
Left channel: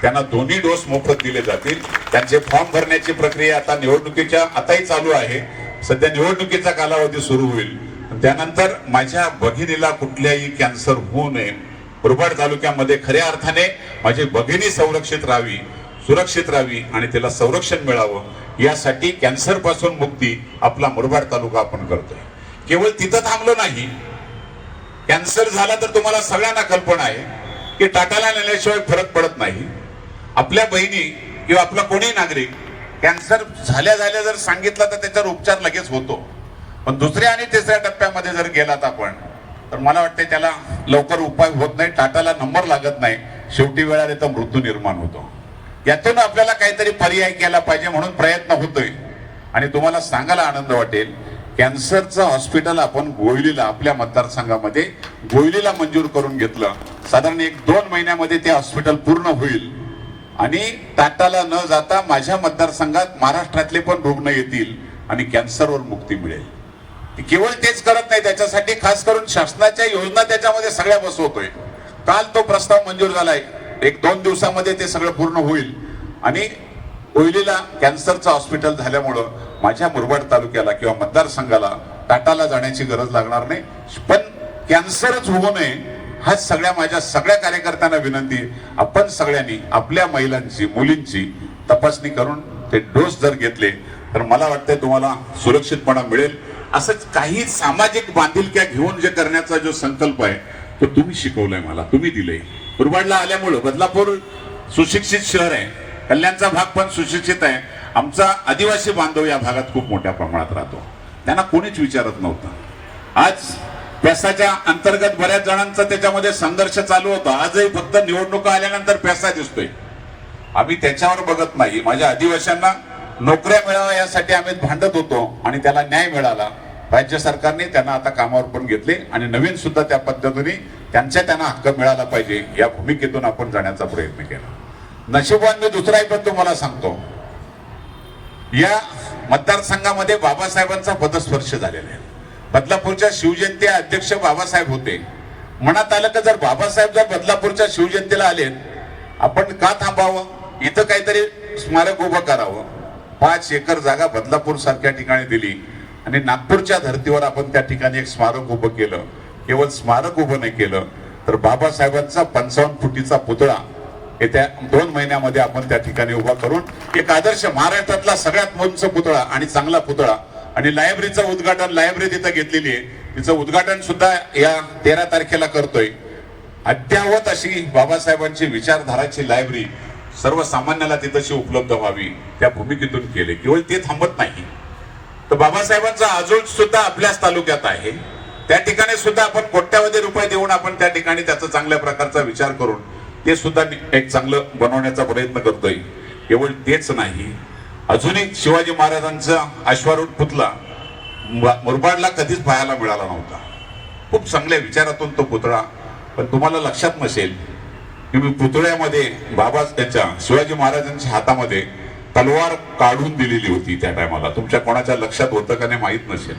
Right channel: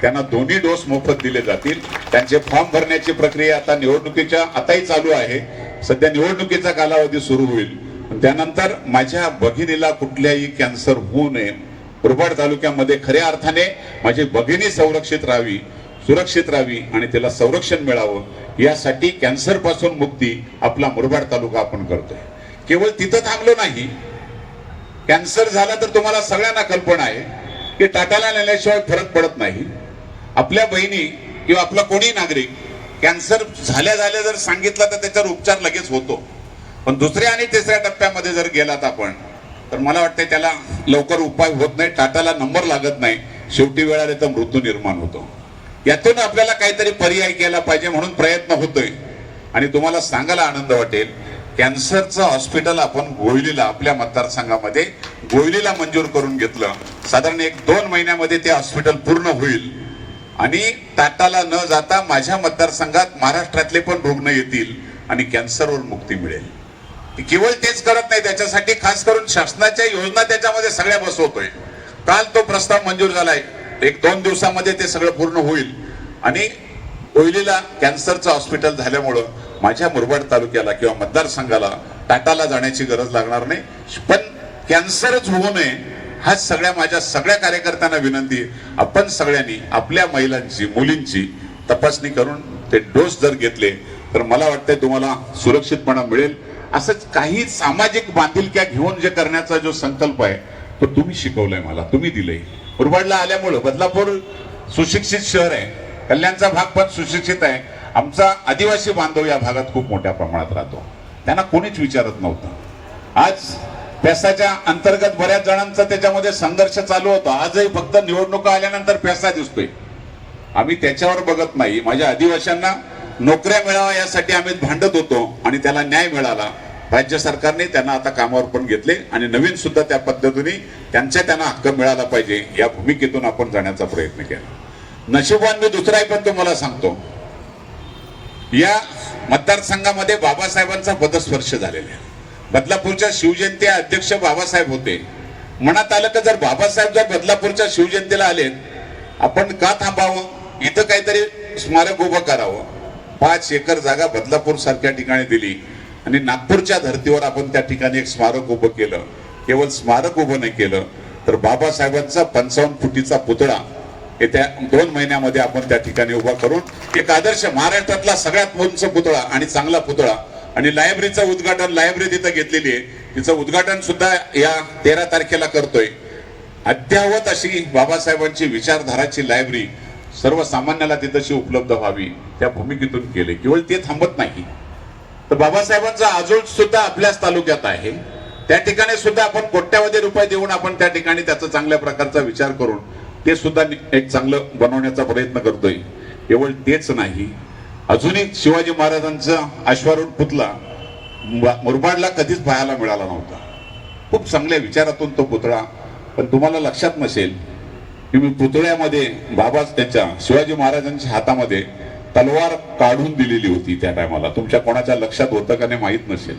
त्यांना 2ही डोस मोफत दिले जातील. त्यांचे फॉर्म भरण्याची प्रक्रिया आता निवडणुकीच्या आताही चालू आहे. सध्या निवडणुकीचा कालावधी सुरू होईल. त्यानंतर माझ्या भगिनीला कुठल्याही कॅन्सर होऊ नये, मुरबाड तालुक्यामध्ये खऱ्या अर्थाने माझी भगिनी संरक्षित राहावी, सुरक्षित राहावी आणि त्याला संरक्षण मिळावं, यासाठी कॅन्सर पासून मुक्ती आपला मुरबाड तालुका आपण करतोय. केवळ तिथं थांबलो नाही. कॅन्सर झाला तर तुम्हाला सगळ्यांना कल्पना आहे की टाटाला नेल्याशिवाय फरक पडत नाही. आपल्या बहिणी किंवा आपला कोणी नागरिक कॅन्सर झाल्या जर सांगितलं तर त्याच्यावर उपचार लगेच होतो, पण 2ऱ्या आणि 3ऱ्या टप्प्यामध्ये जर गेलात आपण तर मला वाटतं त्याला लवकर उपाय होत नाही, टाटाला नंबर लागत नाही, शेवटी वेळ आले तर मृत्यू निर्माण होतो. यातून आपल्याला काहीतरी पर्याय केला पाहिजे म्हणून प्रयत्न होतोय. आणि तुम्हाला सांगायला आनंद वाटेल, कॅन्सरचं हॉस्पिटल आपण गोयलीला आपल्या मतदारसंघामध्ये गोयलीला मंजूर करून घेतलं. साधारण 1-2 महिन्यामध्ये ते हॉस्पिटल पूर्ण होईल आणि टाटाला न जाता माझ्या मतदारसंघात महाराष्ट्रातले पण रुग्ण येतील आणि कॅन्सरवर मुक्ती मिळेल. केवळ तेच करत नाही, त्याच्यासाठी खास करून शासनाच्या योजना त्याच्यामध्ये सगळ्या बसवतोय. काल तो प्रस्ताव मंजूर झालाय, 1-2 दिवसामध्ये ते सगळं पूर्ण होईल आणि कोयलीला कॅन्सरचं हॉस्पिटल झाल्यामुळं माझ्या मुरबाड तालुक्याला किंवा मतदारसंघाला टाटाला जाण्याची गरज लागणार नाही. पण कॅन्सरच होऊ नये हा सगळ्या माझ्या सगळ्या कार्यकर्त्यांना विनंती आहे, आपण सगळ्यांनी आपल्या महिलांची मुलींची तपासणी करून ते डोस जर घेतले तर मला वाटतंय तुम्हाला सुरक्षितपणा मिळेल. असंच काही सामाजिक बांधिलक्या घेऊन जे करण्याचा जो संकल्प आहे तो तुम्ही शिकवलाय मला, तुम्ही दिलंय. मुरबाडला आल्यामुळे बदलापूर सुशिक्षित शहर आहे, कल्याणचा भाग पण सुशिक्षित आहे. आमचा आदिवासी बांधव या भागात खूप मोठ्या प्रमाणात राहतो, त्यांना कोणीच विचारत नव्हतं. आज पैसाच्या अंतर्गत बऱ्याच जणांचा त्याच्यामध्ये संघर्ष चालू होता. आजही फक्त निवडणुका आल्यानंतर पैसा दिसतोय, आम्ही त्याच्यावर बघत नाही. माझ्या आदिवासींना नोकऱ्या मिळाव्या यासाठी आम्ही भांडत होतो आणि त्याला न्याय मिळाला. राज्य सरकारने त्यांना आता कामावर पण घेतले आणि नवीन सुद्धा त्या पद्धतीने त्यांना हक्क मिळाला पाहिजे या भूमिकेतून आपण जाण्याचा प्रयत्न केला. नशिबान मी दुसराही पण तुम्हाला सांगतो, या मतदारसंघामध्ये बाबासाहेबांचा पदस्पर्श झालेला आहे. बदलापूरच्या शिवजयंती अध्यक्ष बाबासाहेब होते. मनात आलं की जर बाबासाहेब जर बदलापूरच्या शिवजयंतीला आले, आपण का थांबावं, इथं काहीतरी स्मारक उभं करावं. 5 एकर जागा बदलापूर सारख्या ठिकाणी दिली आणि नागपूरच्या धर्तीवर आपण त्या ठिकाणी एक स्मारक उभं केलं. केवळ स्मारक उभं नाही केलं तर बाबासाहेबांचा 55 फुटीचा पुतळा येत्या 2 महिन्यामध्ये आपण त्या ठिकाणी उभा करून एक आदर्श महाराष्ट्रातला सगळ्यात उंच पुतळा आणि चांगला पुतळा आणि लायब्ररीचं उद्घाटन, लायब्ररी तिथं घेतलेली आहे, तिचं उद्घाटन सुद्धा या 13 तारखेला करतोय. अद्यावत अशी बाबासाहेबांची विचारधाराची लायब्ररी सर्वसामान्याला तिथंशी उपलब्ध व्हावी त्या भूमिकेतून केले. केवळ ते थांबत नाही तर बाबासाहेबांचा आजोळ सुद्धा आपल्याच तालुक्यात आहे, त्या ठिकाणी सुद्धा आपण कोट्यावधी रुपये देऊन आपण त्या ठिकाणी त्याचा चांगल्या प्रकारचा विचार करून ते सुद्धा एक चांगलं बनवण्याचा प्रयत्न करतोय. केवळ तेच नाही, अजूनही शिवाजी महाराजांचा अश्वारूढ पुतळा मुरबाडला कधीच पाहायला मिळाला नव्हता. खूप चांगल्या विचारातून तो पुतळा, पण तुम्हाला लक्षात नसेल की मी पुतळ्यामध्ये बाबा त्याच्या शिवाजी महाराजांच्या हातामध्ये तलवार काढून दिलेली होती. त्या टायमाला तुमच्या कोणाच्या लक्षात होतं का नाही माहित नसेल.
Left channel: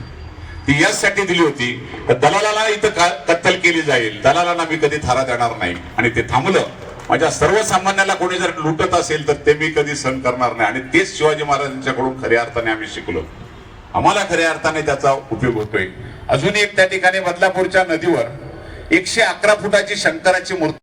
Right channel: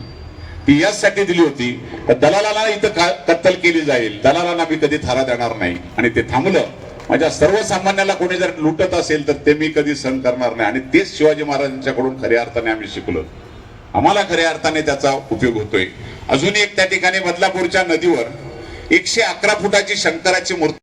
ती याचसाठी दिली होती दलालाला इथं कत्तल केली जाईल, दलालांना मी कधी थारा देणार नाही आणि ते थांबलं. माझ्या सर्वसामान्याला कोणी जर लुटत असेल तर ते मी कधी सहन करणार नाही आणि तेच शिवाजी महाराजांच्याकडून खऱ्या अर्थाने आम्ही शिकलो. आम्हाला खऱ्या अर्थाने त्याचा उपयोग होतोय. अजूनही एक त्या ठिकाणी बदलापूरच्या नदीवर 111 फुटाची शंकराची मूर्ती